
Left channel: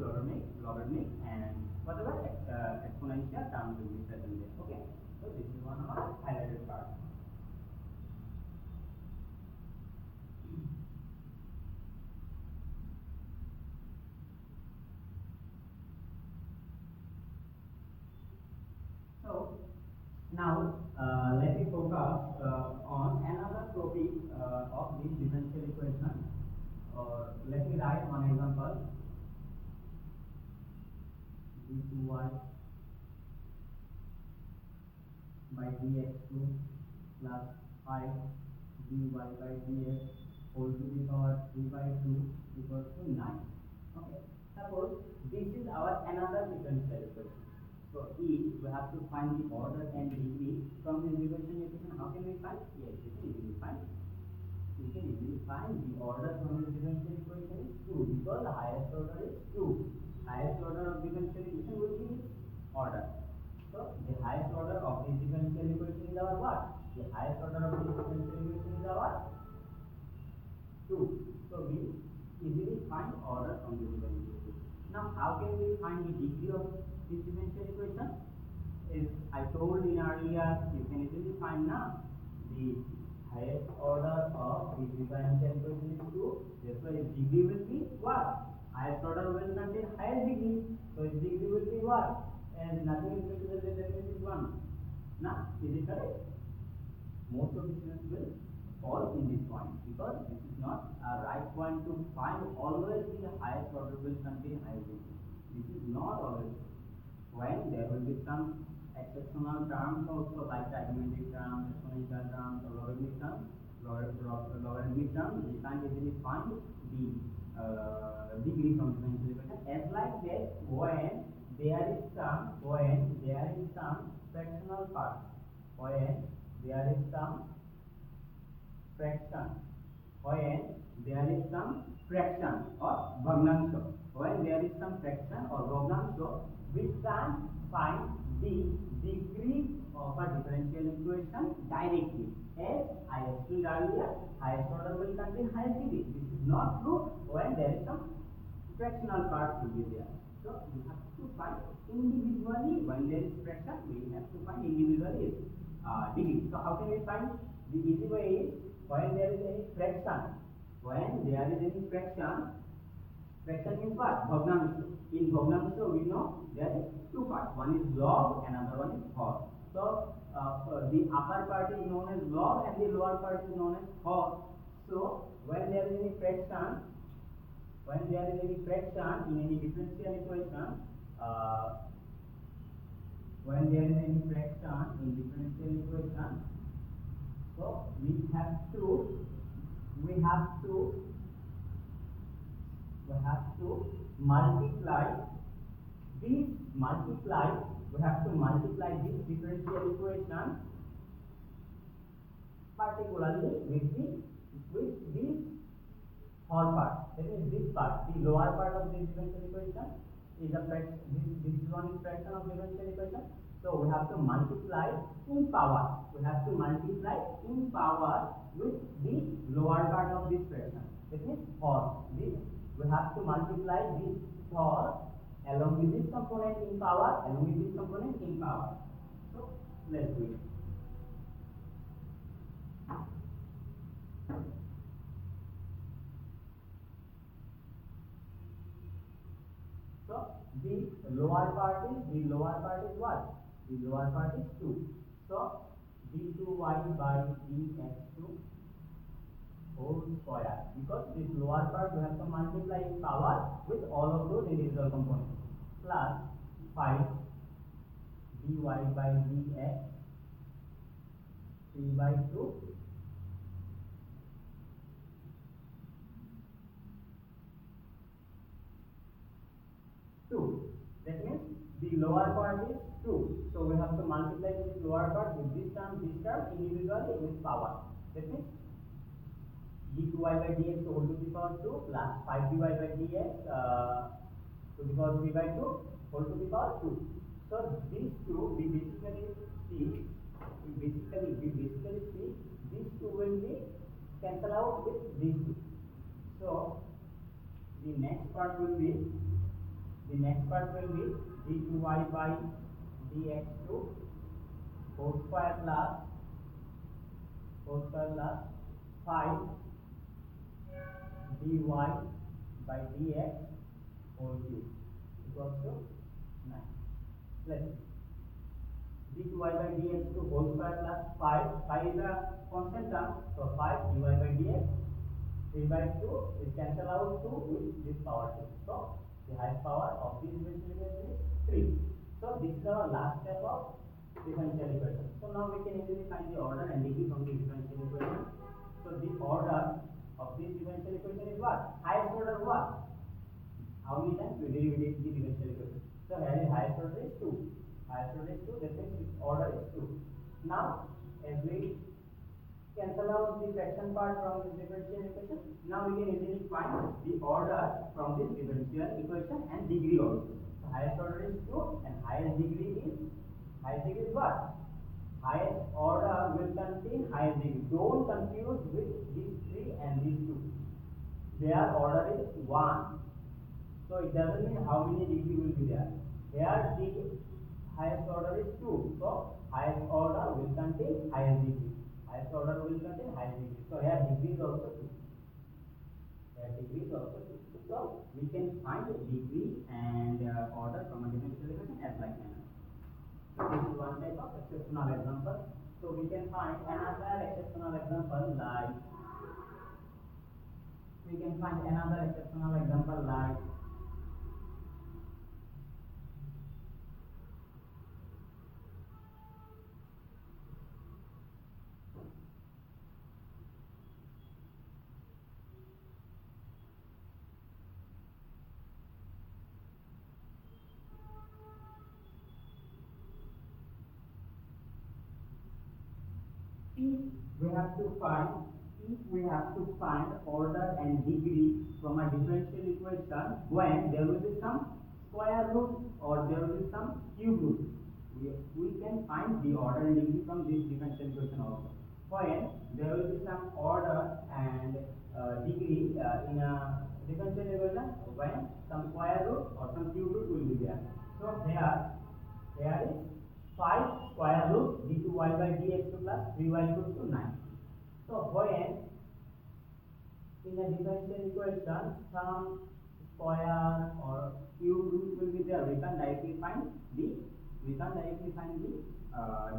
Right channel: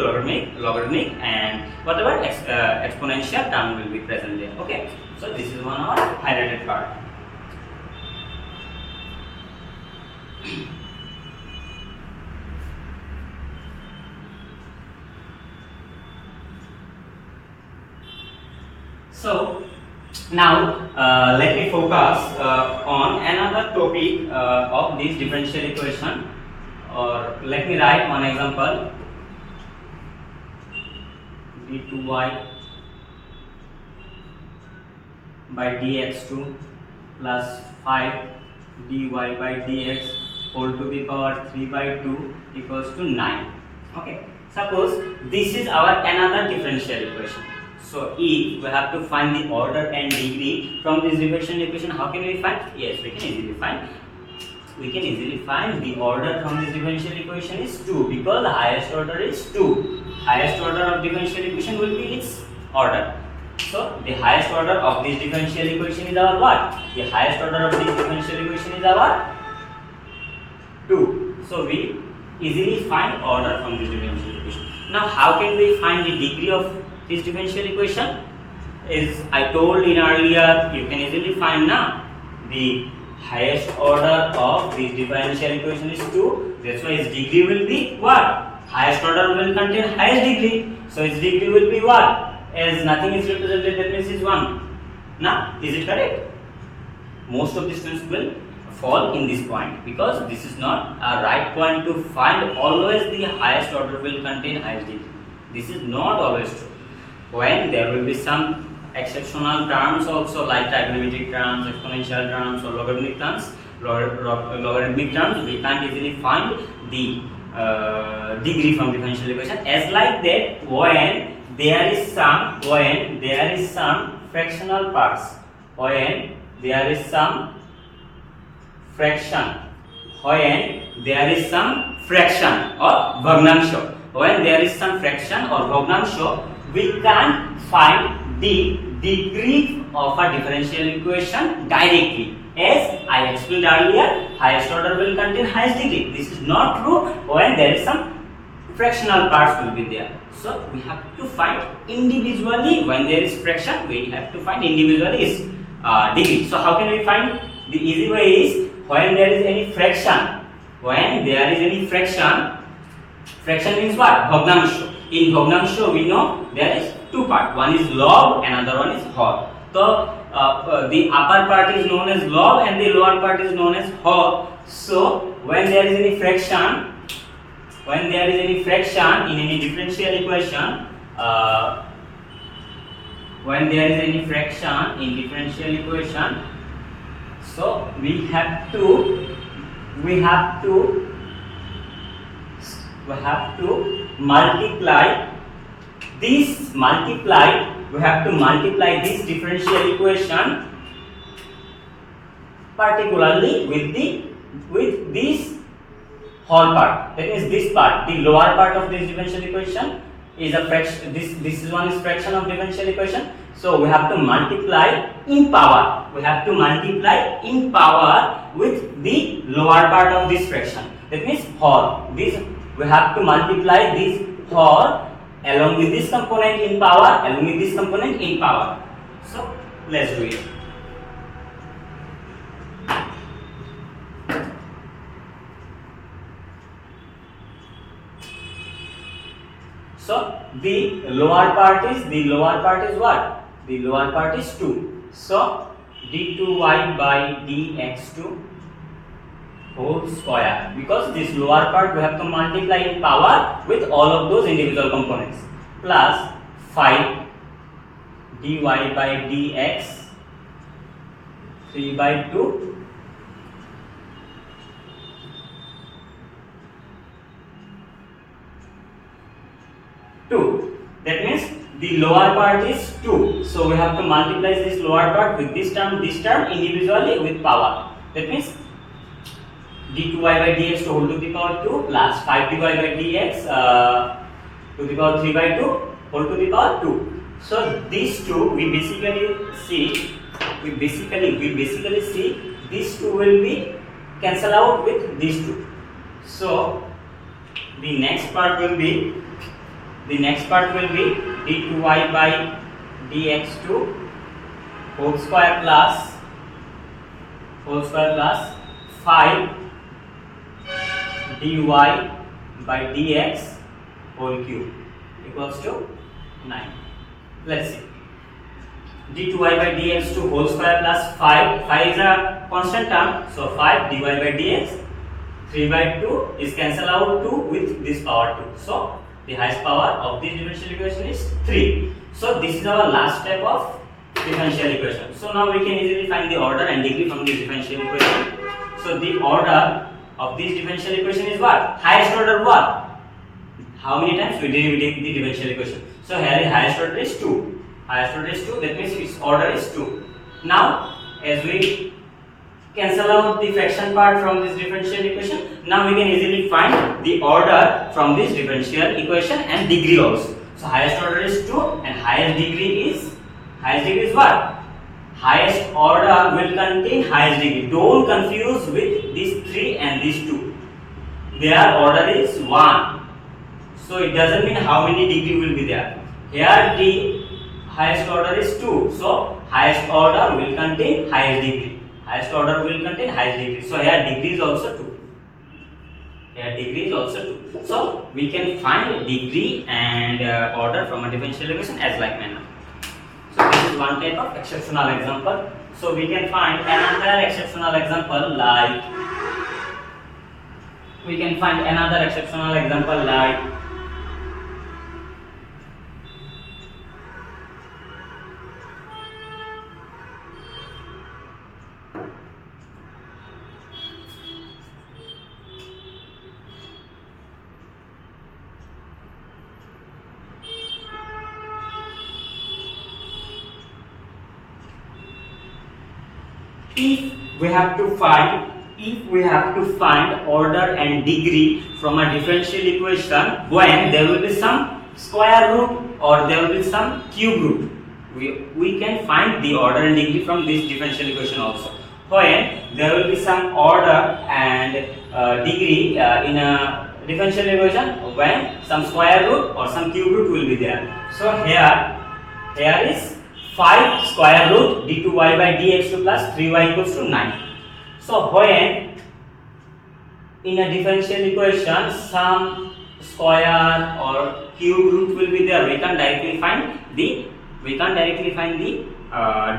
logarithmic and whatever exponential term will be present there. Okay, so this is one of our highlighted part. So now let me focus on another topic of this differential equation, or let me write one example. d2y by dx2 plus 5 dy by dx whole to the power 3 by 2 equals to 9. Okay, suppose this is our another differential equation. So if we have to find the order and degree from this differential equation, how can we find? Yes, we can easily find. We can easily find the order from this differential equation is 2, because the highest order is 2. Highest order of differential equation will be its order. So the highest order of this differential equation is our what? The highest order of this differential equation is our 2. So we easily find order from this differential equation. Now how can we find the degree of this differential equation? Is I told in earlier, you can easily find now the highest order of this differential equation is 2. That's why its degree will be what? Highest order will contain highest degree. So its degree will be what? As nothing is represented, that means is 1. Now, is it correct? Most of the students will fall in this point, because this is not a right point to find always the highest order will contain highest degree. This is not always true. When there will be some exceptional terms also, like trigonometric terms, exponential terms or logarithmic terms, we can't easily find the degree from differential equation. As like that, when there is some fractional parts, when there is some fraction, when there is some fraction or bhagnamsha, when there is some fraction or bhagnamsha, we can find the degree of a differential equation directly. As I explained earlier, highest order will contain highest degree. This is not true when there is some fractional parts will be there. So we have to find individually. When there is fraction, we have to find individually is degree. So how can we find? The easy way is, when there is any fraction, fraction means what? Bhagnamsha. In bhagnamsha we know there is two parts. One is log, another one is hor. So the upper part is known as log and the lower part is known as hor. So when there is any fraction, in any differential equation, when there is any fraction in differential equation, so we have to multiply this differential equation particularly with this whole part. That means this part, the lower part of this differential equation is a fraction. This is one is fraction of differential equation. So we have to multiply in power. With the lower part of this fraction. That means whole. This we have to multiply this whole along with this component in power, So let's do it. So the lower part is what? The lower part is 2. So d2y by dx2 whole square, because this lower part we have to multiply in power with all of those individual components, plus 5 dy by dx 3 by 2 2. That means the lower part is 2. So we have to multiply this lower part with this term individually with power. That means d2y by dx to whole to the power 2 plus 5dy by dx to the power 3 by 2 whole to the power 2. So these two we basically see these two will be cancel out with these two. So the next part will be d2y by dx2 whole square plus 5 dy by dx whole cube equals to 9. Let's see. d2y by dx2 whole square plus 5 is a constant term, so 5 dy by dx 3 by 2 is cancel out 2 with this power 2. So the highest power of this differential equation is 3. So this is our last step of differential equation. So now we can easily find the order and degree from this differential equation. So the order of this differential equation is what? Highest order what? How many times we derive the differential equation? So here the highest order is 2. That means its order is 2. Now as we cancel out the fraction part from this differential equation, now we can easily find the order from this differential equation and degree also. So highest order is 2 and highest degree is what? Highest order will contain highest degree. Don't confuse with these 3 and these 2. Their order is 1. So it doesn't mean how many degree will be there. Here the highest order is 2. So highest order will contain highest degree. So here degree is also 2. So we can find degree and order from a differential equation as like manner. So this is one type of exceptional example. So we can find another exceptional example like if we have to find order and degree from a differential equation when there will be some square root or there will be some cube root, we can find the order and degree from this differential equation also. When there will be some order and degree in a differential equation when some square root or some cube root will be there. So here is 5 square root d2y by dx2 plus 3y equals to 9. So when in a differential equation some square or cube root will be there, we can't directly find the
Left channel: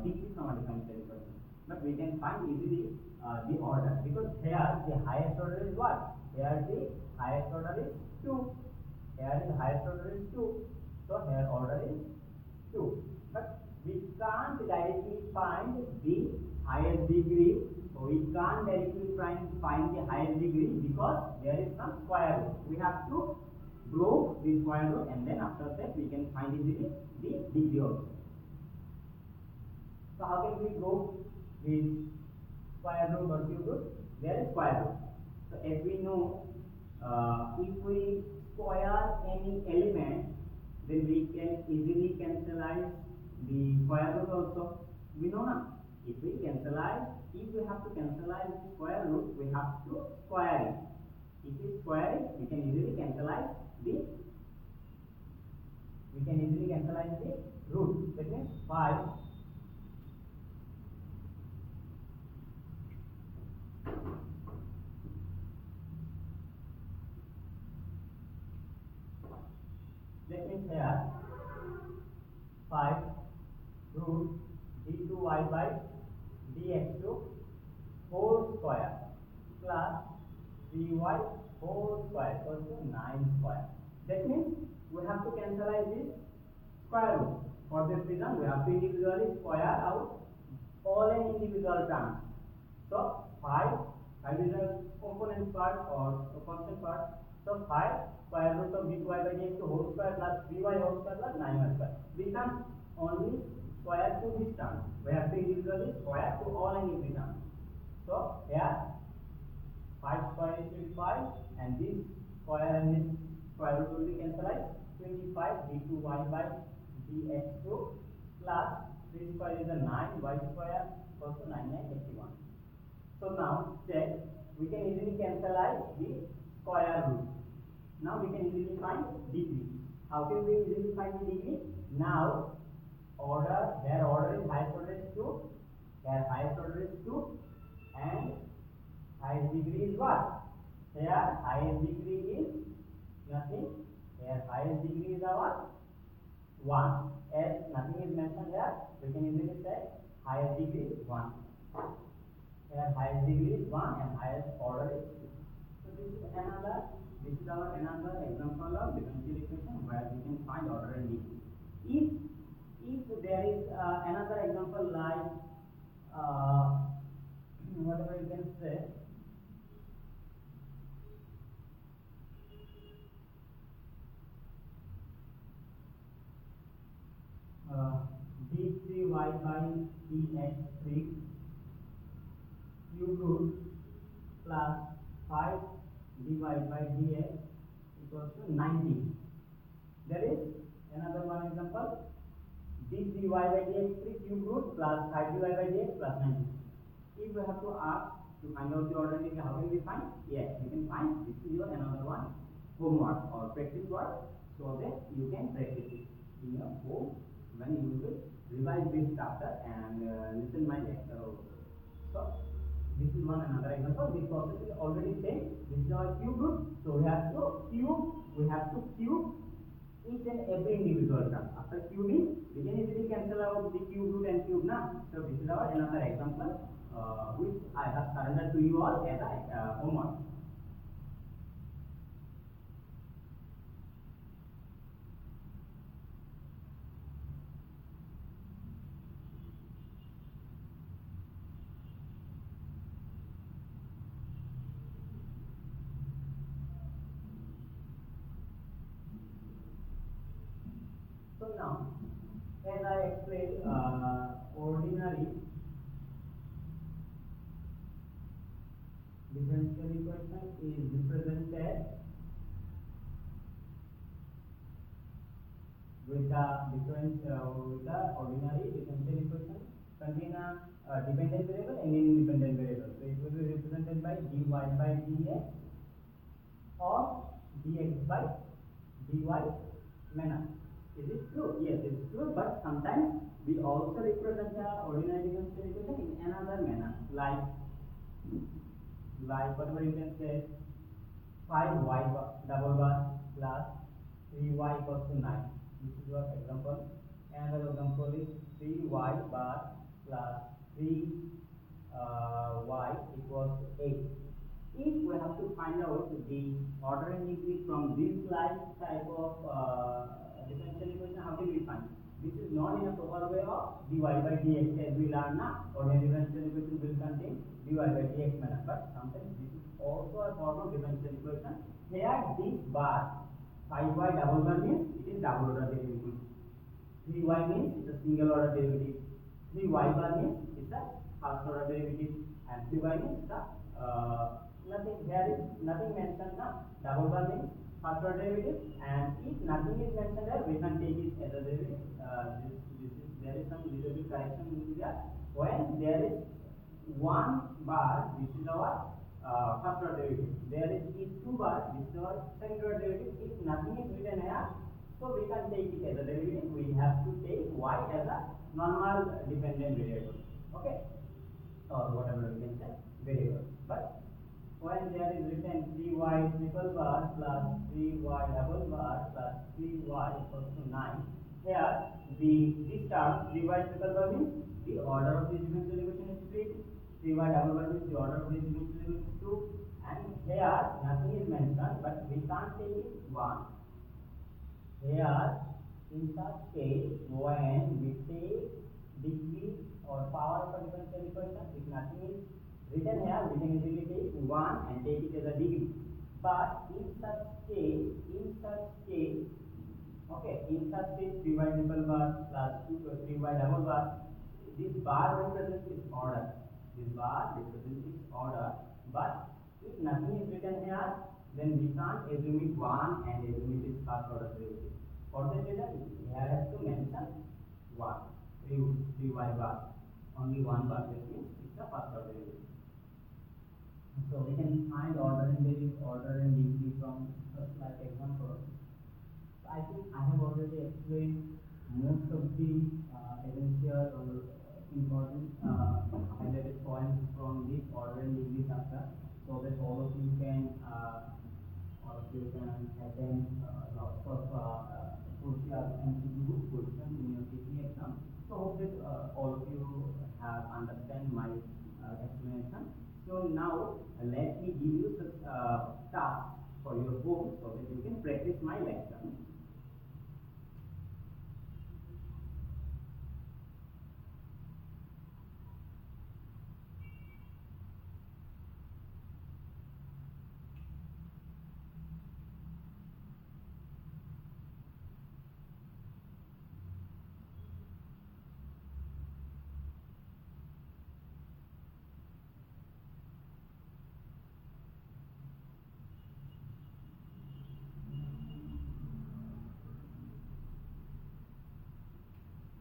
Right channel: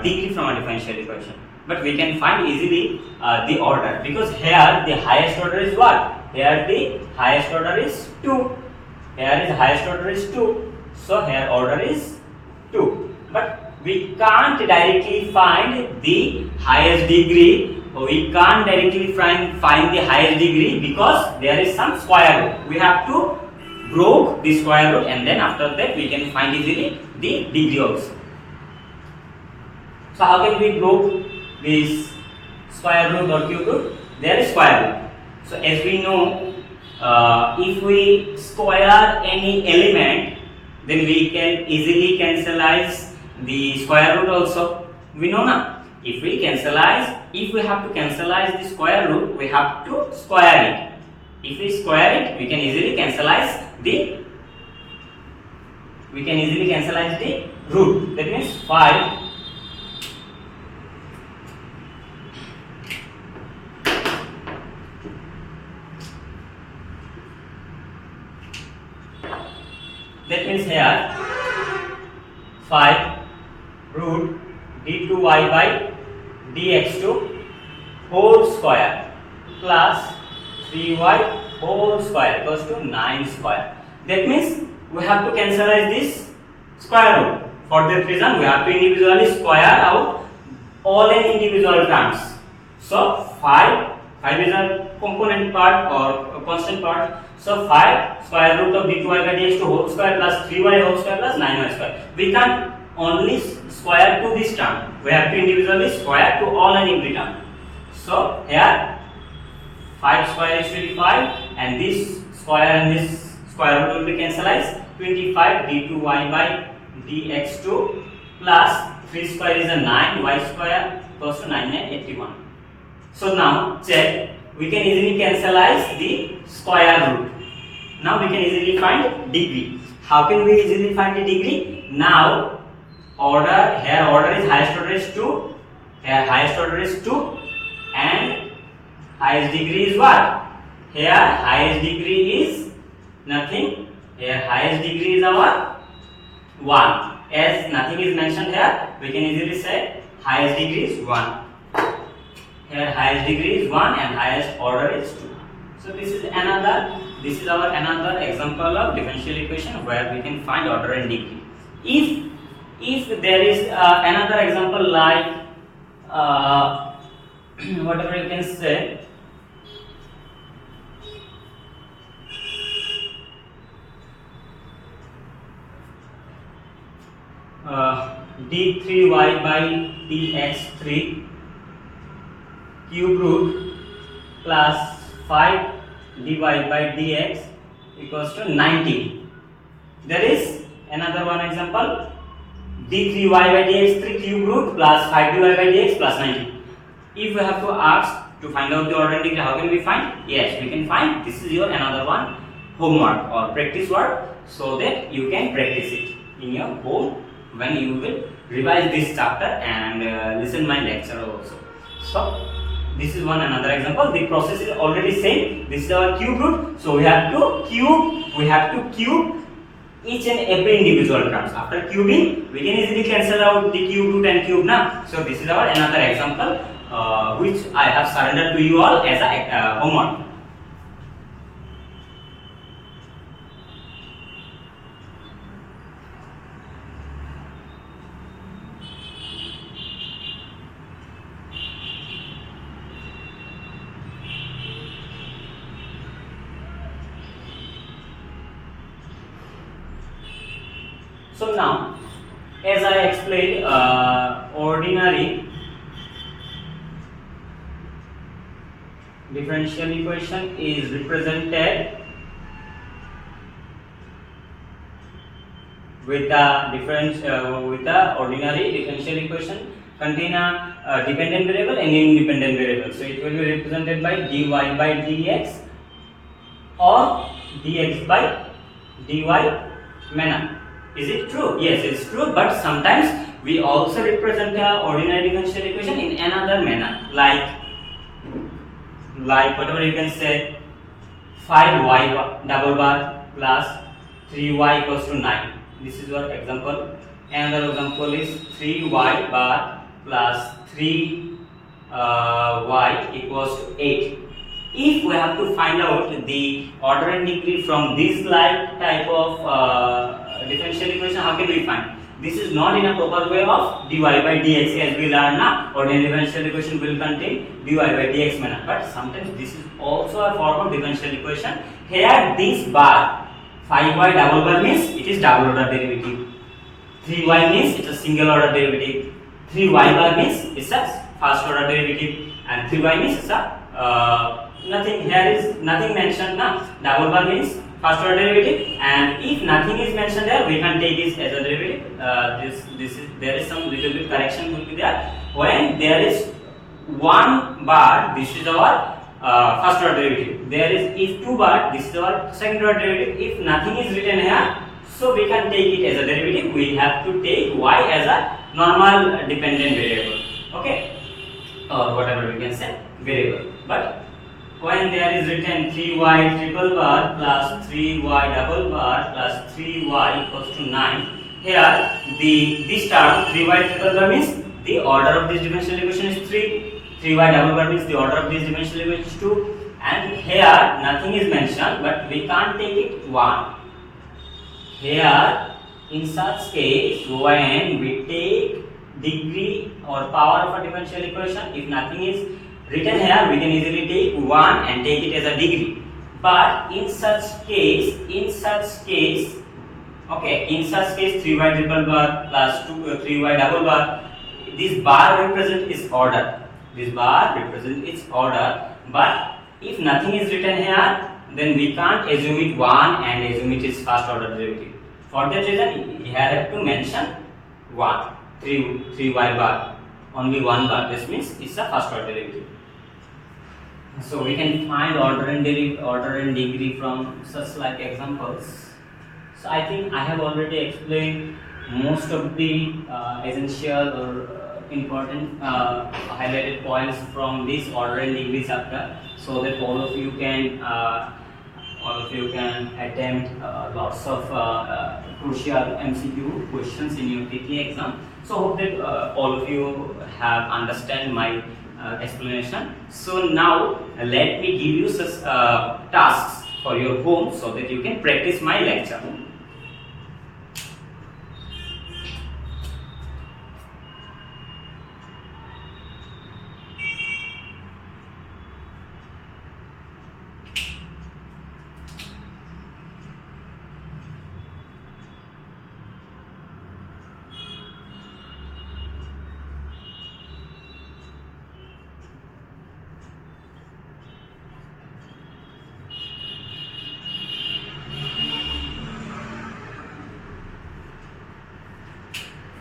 degree from a differential equation, but we can find easily the order, because here the highest order is what? Here the highest order is 2. Here is highest order is 2. So here order is 2. But we can't directly find the highest degree. We can't directly find the highest degree because there is some square root. We have to break the square root, and then after that we can find easily the degree also. So how can we break this square root or cube root? There is square root. So as we know, if we square any element, then we can easily cancelize the square root also. We know now. If we have to cancelize the square root, we have to square it. If we square it, we can easily cancelize the root. That means 5 that means here 5 root d2y by dx2 whole square plus 3y whole square equals to 9 square. That means we have to cancelize this square root. For that reason, we have to individually square out all n individual terms. So 5 is a component part or a constant part. So 5 square root of d2y by dx2 whole square plus 3y whole square plus 9y square. We can't only square to this term. We have to individually square to all and every term. So here 5 square is 25, and this square and this square root will be cancelled. 25 d2y by dx2 plus 3 square is a 9, y square equals to 981. So now check, we can easily cancelize the square root. Now we can easily find degree. How can we easily find the degree? Now order is highest order is 2. Here highest order is 2, and highest degree is what? Here highest degree is nothing. Here highest degree is our 1. As nothing is mentioned here, we can easily say highest degree is 1. Here highest degree is 1 and highest order is 2. So this is our another example of differential equation where we can find order and degree. If there is another example like whatever you can say, d3y by dx3 cube root plus 5 dy by dx equals to 90. There is another one example, d3y by dx3 cube root plus 5 dy by dx plus 90. If we have to ask to find out the order and degree, how can we find? Yes, we can find. This is your another one homework or practice work, so that you can practice it in your home when you will revise this chapter and listen my lecture also. So this is another example. The process is already same. This is our cube root, so we have to cube each and every individual terms. After cubing, we can easily cancel out the cube root and cube now. So this is our another example which I have surrendered to you all as a homework. So now, as I explained, ordinary differential equation is represented with the ordinary differential equation contain a dependent variable and independent variable. So it will be represented by dy by dx or dx by dy manner. Is it true? Yes, it's true. But sometimes we also represent the ordinary differential equation in another manner, like whatever you can say, 5y double bar plus 3y equals to 9. This is your example. Another example is 3y bar plus 3y equals to 8. If we have to find out the order and degree from this type of differential equation, how can we find? This is not in a proper way of dy by dx, as we learn now. Ordinary differential equation will contain dy by dx manner, but sometimes this is also a form of differential equation. Here this bar 5y double bar means it is double order derivative, 3y means it's a single order derivative, 3y bar means it's a first order derivative, and 3y means it's a nothing. Here is nothing mentioned now. Double bar means first order derivative, and if nothing is mentioned there, we can take this as a derivative. There is some little bit correction will be there. When there is one bar, this is our first order derivative. There is if two bar, this is our second order derivative. If nothing is written here, so we can take it as a derivative. We have to take y as a normal dependent variable, okay, or whatever we can say variable. But when there is written 3y triple bar plus 3y double bar plus 3y equals to 9, here this term 3y triple bar means the order of this differential equation is 3, 3y double bar means the order of this differential equation is 2, and here nothing is mentioned, but we can't take it 1. Here in such case, when we take degree or power of a differential equation, if nothing is written here, we can easily take 1 and take it as a degree. But in such case, okay, in such case 3y triple bar plus 3y double bar, this bar represents its order. This bar represents its order. But if nothing is written here, then we can't assume it 1 and assume it is first order derivative. For that reason, we have to mention 1, 3y bar, only 1 bar. This means it's a first order derivative. So we can find order and degree from such like examples. So I think I have already explained most of the essential or important highlighted points from this order and degree chapter, so that all of you can attempt lots of crucial MCQ questions in your TITLEE exam. So hope that all of you have understand my explanation. So now let me give you such tasks for your home so that you can practice my lecture.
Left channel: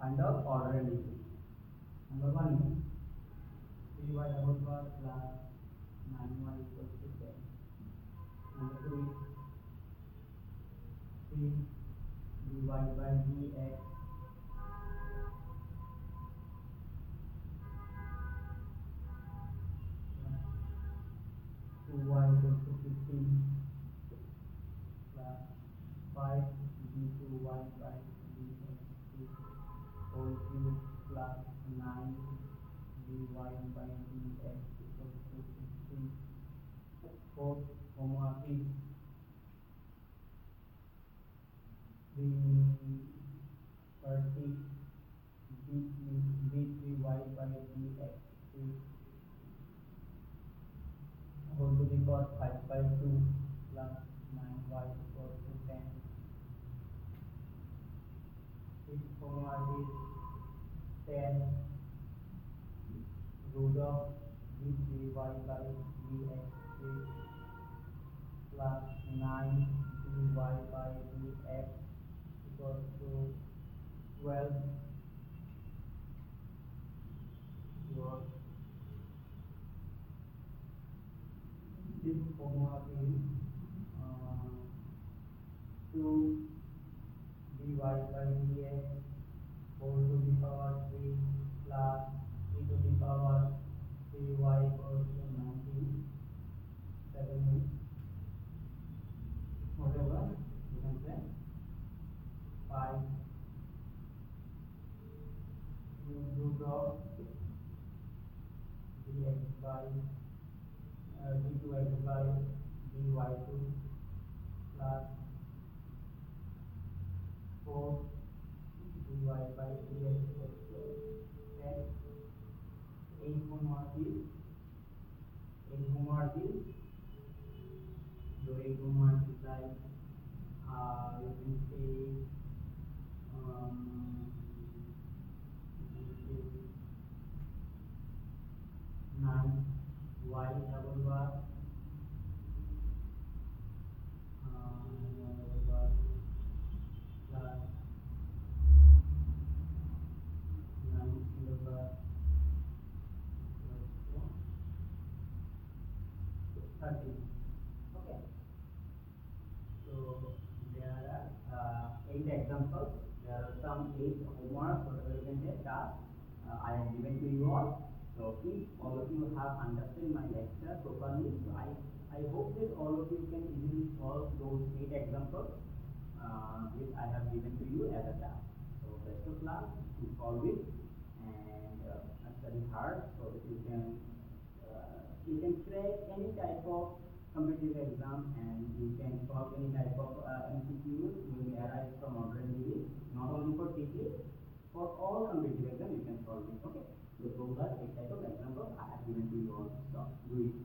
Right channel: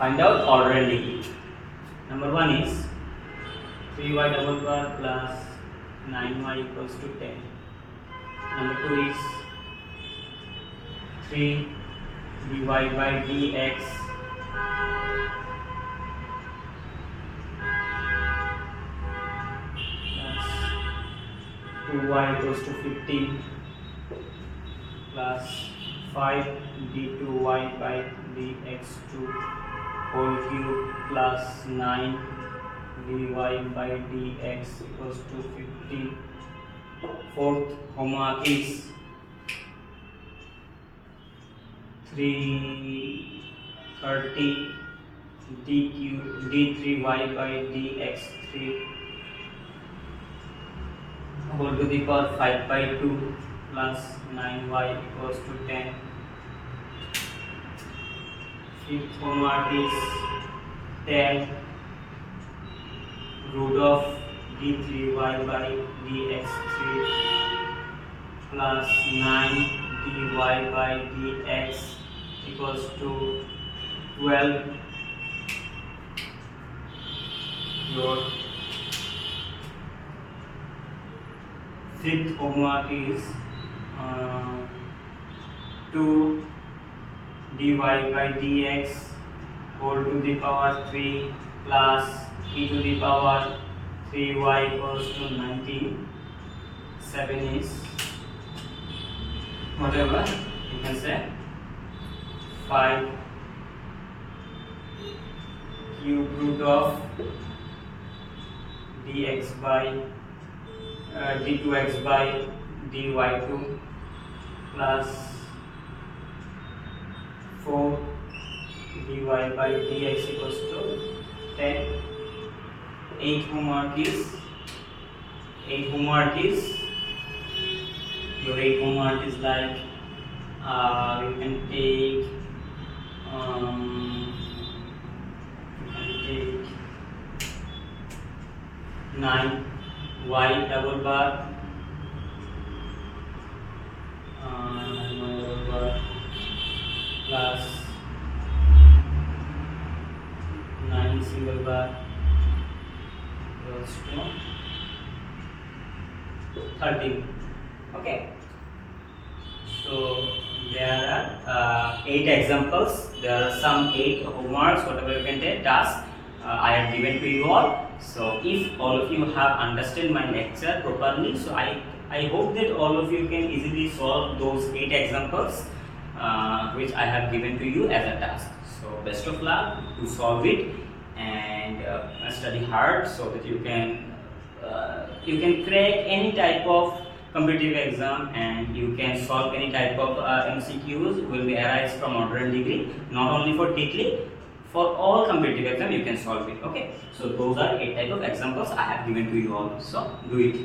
Find out order and degree. Number 1 is 3y double bar plus 9y equals to 10. Number 2 is 3 dy by dx plus 2y equals to 15 plus 5 d2y by dx2 whole cube plus 9 dy by dx equals to 50. Fourth homework is 330 d3y by dx3 whole to the power 5 by 2 plus 9y equals to 10. Fifth homework is 10 root of d3y by dx3 plus 9 dy by dx equals to 12. Your fifth homework is 2 dy by dx whole to the power 3 plus e to the power 3y equals to 19. 7 is whatever you can say 5 cube root of dx by d2x by dy2 plus 4 dy by dx equals to 10. 8 homework is your 8 homework is like you can take 9 y double bar plus 9 single bar equals to 13. Okay, so there are 8 examples. There are some 8 homeworks, whatever you can take tasks I have given to you all. So if all of you have understood my lecture properly, so I hope that all of you can easily solve those 8 examples which I have given to you as a task. So best of luck to solve it, and study hard so that you can crack any type of competitive exam, and you can solve any type of MCQs will be arise from order and degree, not only for TITLEE, for all competitive exam you can solve it. Okay, so those are 8 type of examples I have given to you all, so do it.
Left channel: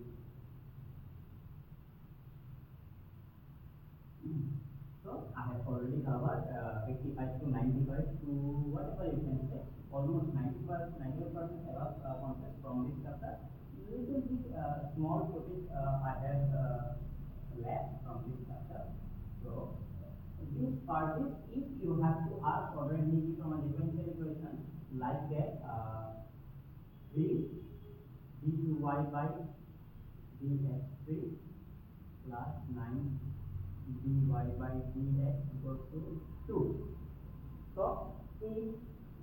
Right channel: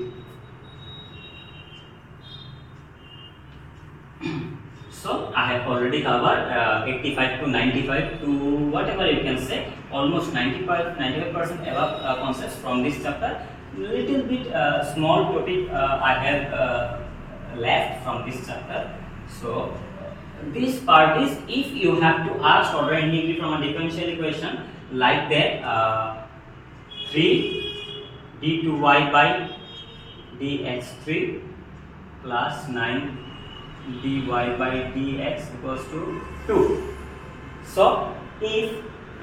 So I have already covered 85 to 95 to whatever you can say, almost 95% above concepts from this chapter. Little bit small topic I have left from this chapter. So this part is, if you have to ask order and degree from a differential equation like that, 3 d2y by dx3 plus 9 dy by dx equals to 2. So if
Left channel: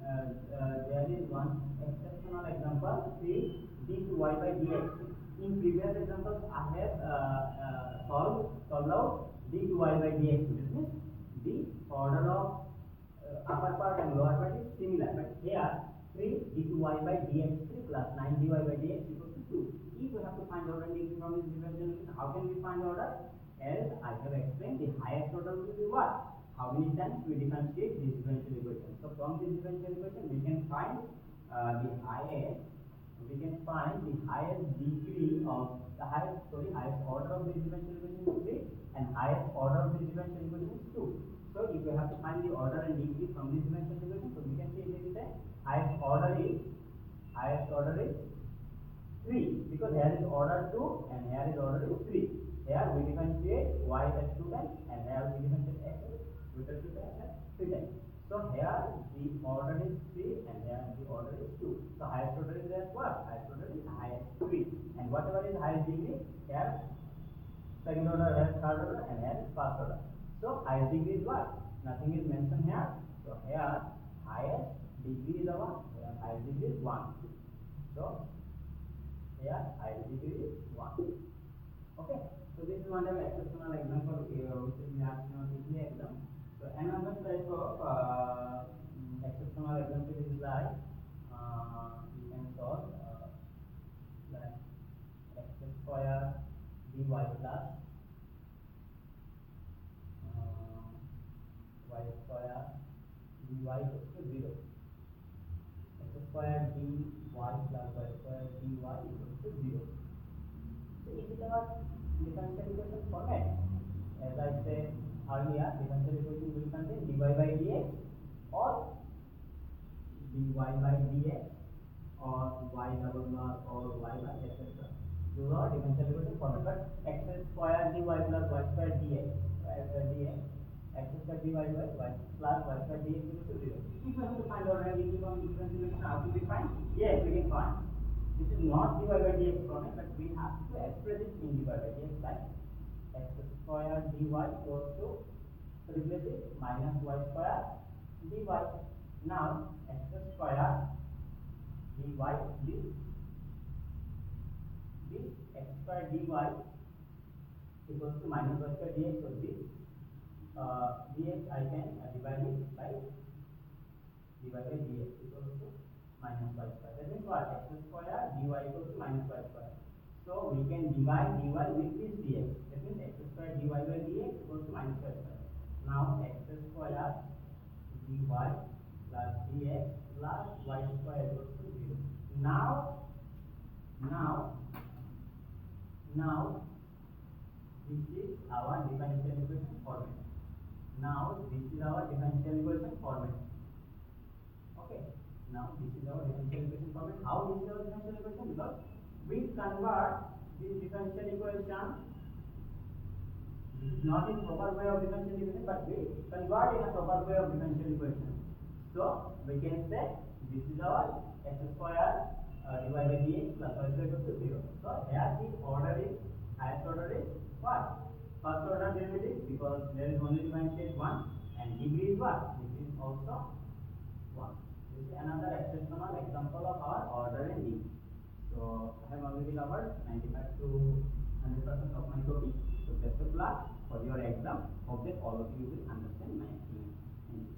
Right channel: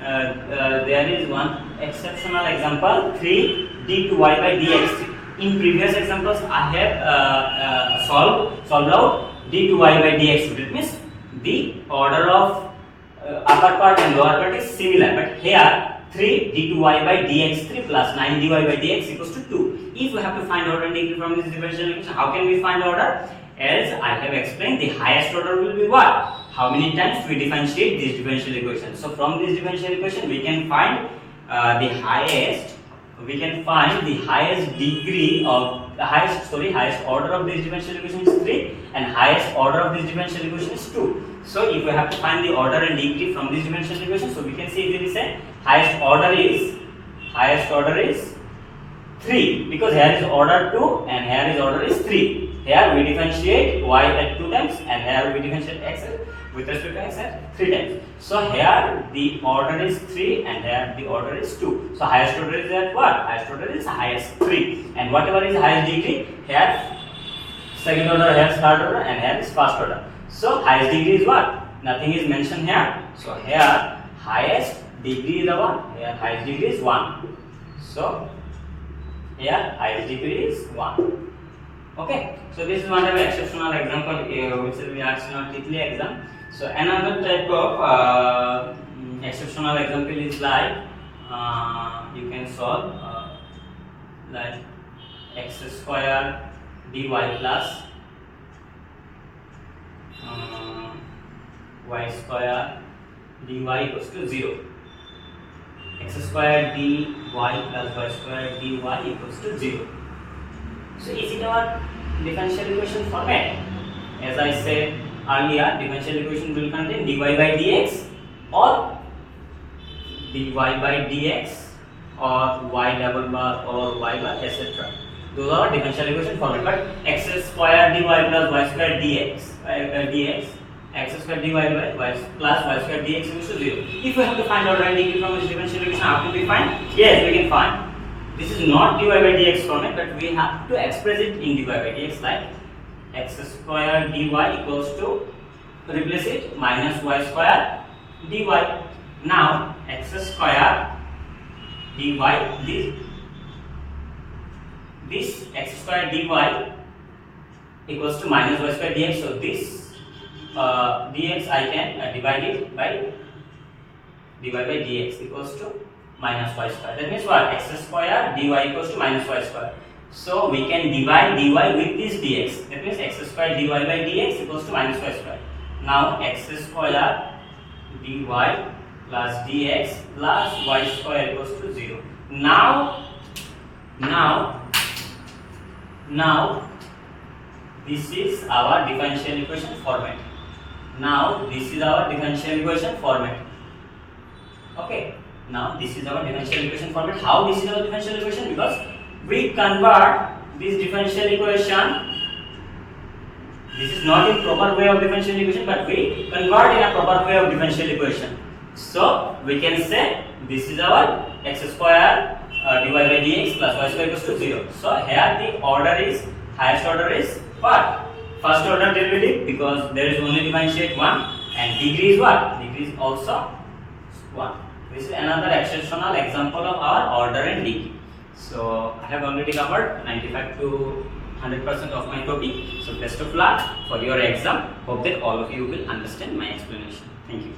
there is one exceptional example, 3 d2y by dx3. In previous examples I have solved out d2y by dx3. That means the order of upper part and lower part is similar, but here 3 d2y by dx3 plus 9 dy by dx equals to 2. If we have to find order and degree from this differential equation, how can we find order? As I have explained, the highest order will be what? How many times we differentiate this differential equation. So from this differential equation we can find the highest degree of the highest order of this differential equation is 3, and highest order of this differential equation is 2. So if we have to find the order and degree from this differential equation, so we can say easily say highest order is 3, because here is order 2 and here is order is 3. Here we differentiate y at 2 times, and here we differentiate x with respect to x at 3 times. So here the order is 3 and here the order is 2. So highest order is at what? Highest order is highest 3. And whatever is highest degree, here second order, here third order, and here is first order. So highest degree is what? Nothing is mentioned here. So here highest degree is the one. Here highest degree is 1. So here highest degree is 1. Okay, so this is one of the exceptional example which will be asked in our TITLEE exam. So another type of exceptional example is like you can solve like x square dy plus y square dy equals to 0. X square dy plus y square dy equals to 0. So is it our differential equation format? As I said earlier, differential equation will contain dy by dx or dy by dx or y double bar or y bar, etc. Those are differential equation format. But x square dy plus y square dx x square dy by y plus y square dx equals to 0. If we have to find order and degree from this differential equation, how can we find? Yes, we can find. This is not dy by dx format, but we have to express it in dy by dx, like x square dy equals to, replace it, minus y square dy. Now x square dy, this x square dy equals to minus y square dx. So this dx I can divide it by dy by dx equals to minus y square. That means what? X square dy equals to minus y square. So we can divide dy with this dx. That means x square dy by dx equals to minus y square. Now x square dy plus dx plus y square equals to 0. Now this is our differential equation format. Now this is our differential equation format. Okay. Now this is our differential equation format. How this is our differential equation? Because we convert this differential equation. This is not in proper way of differential equation, but we convert in a proper way of differential equation. So we can say this is our x square dy by dx plus y square equals to 0. So here the order is, highest order is what? First order derivative, because there is only differentiate 1, and degree is what? Degree is also 1. This is another exceptional example of our order and degree. So I have already covered 95 to 100% of my topic. So best of luck for your exam. Hope that all of you will understand my explanation. Thank you.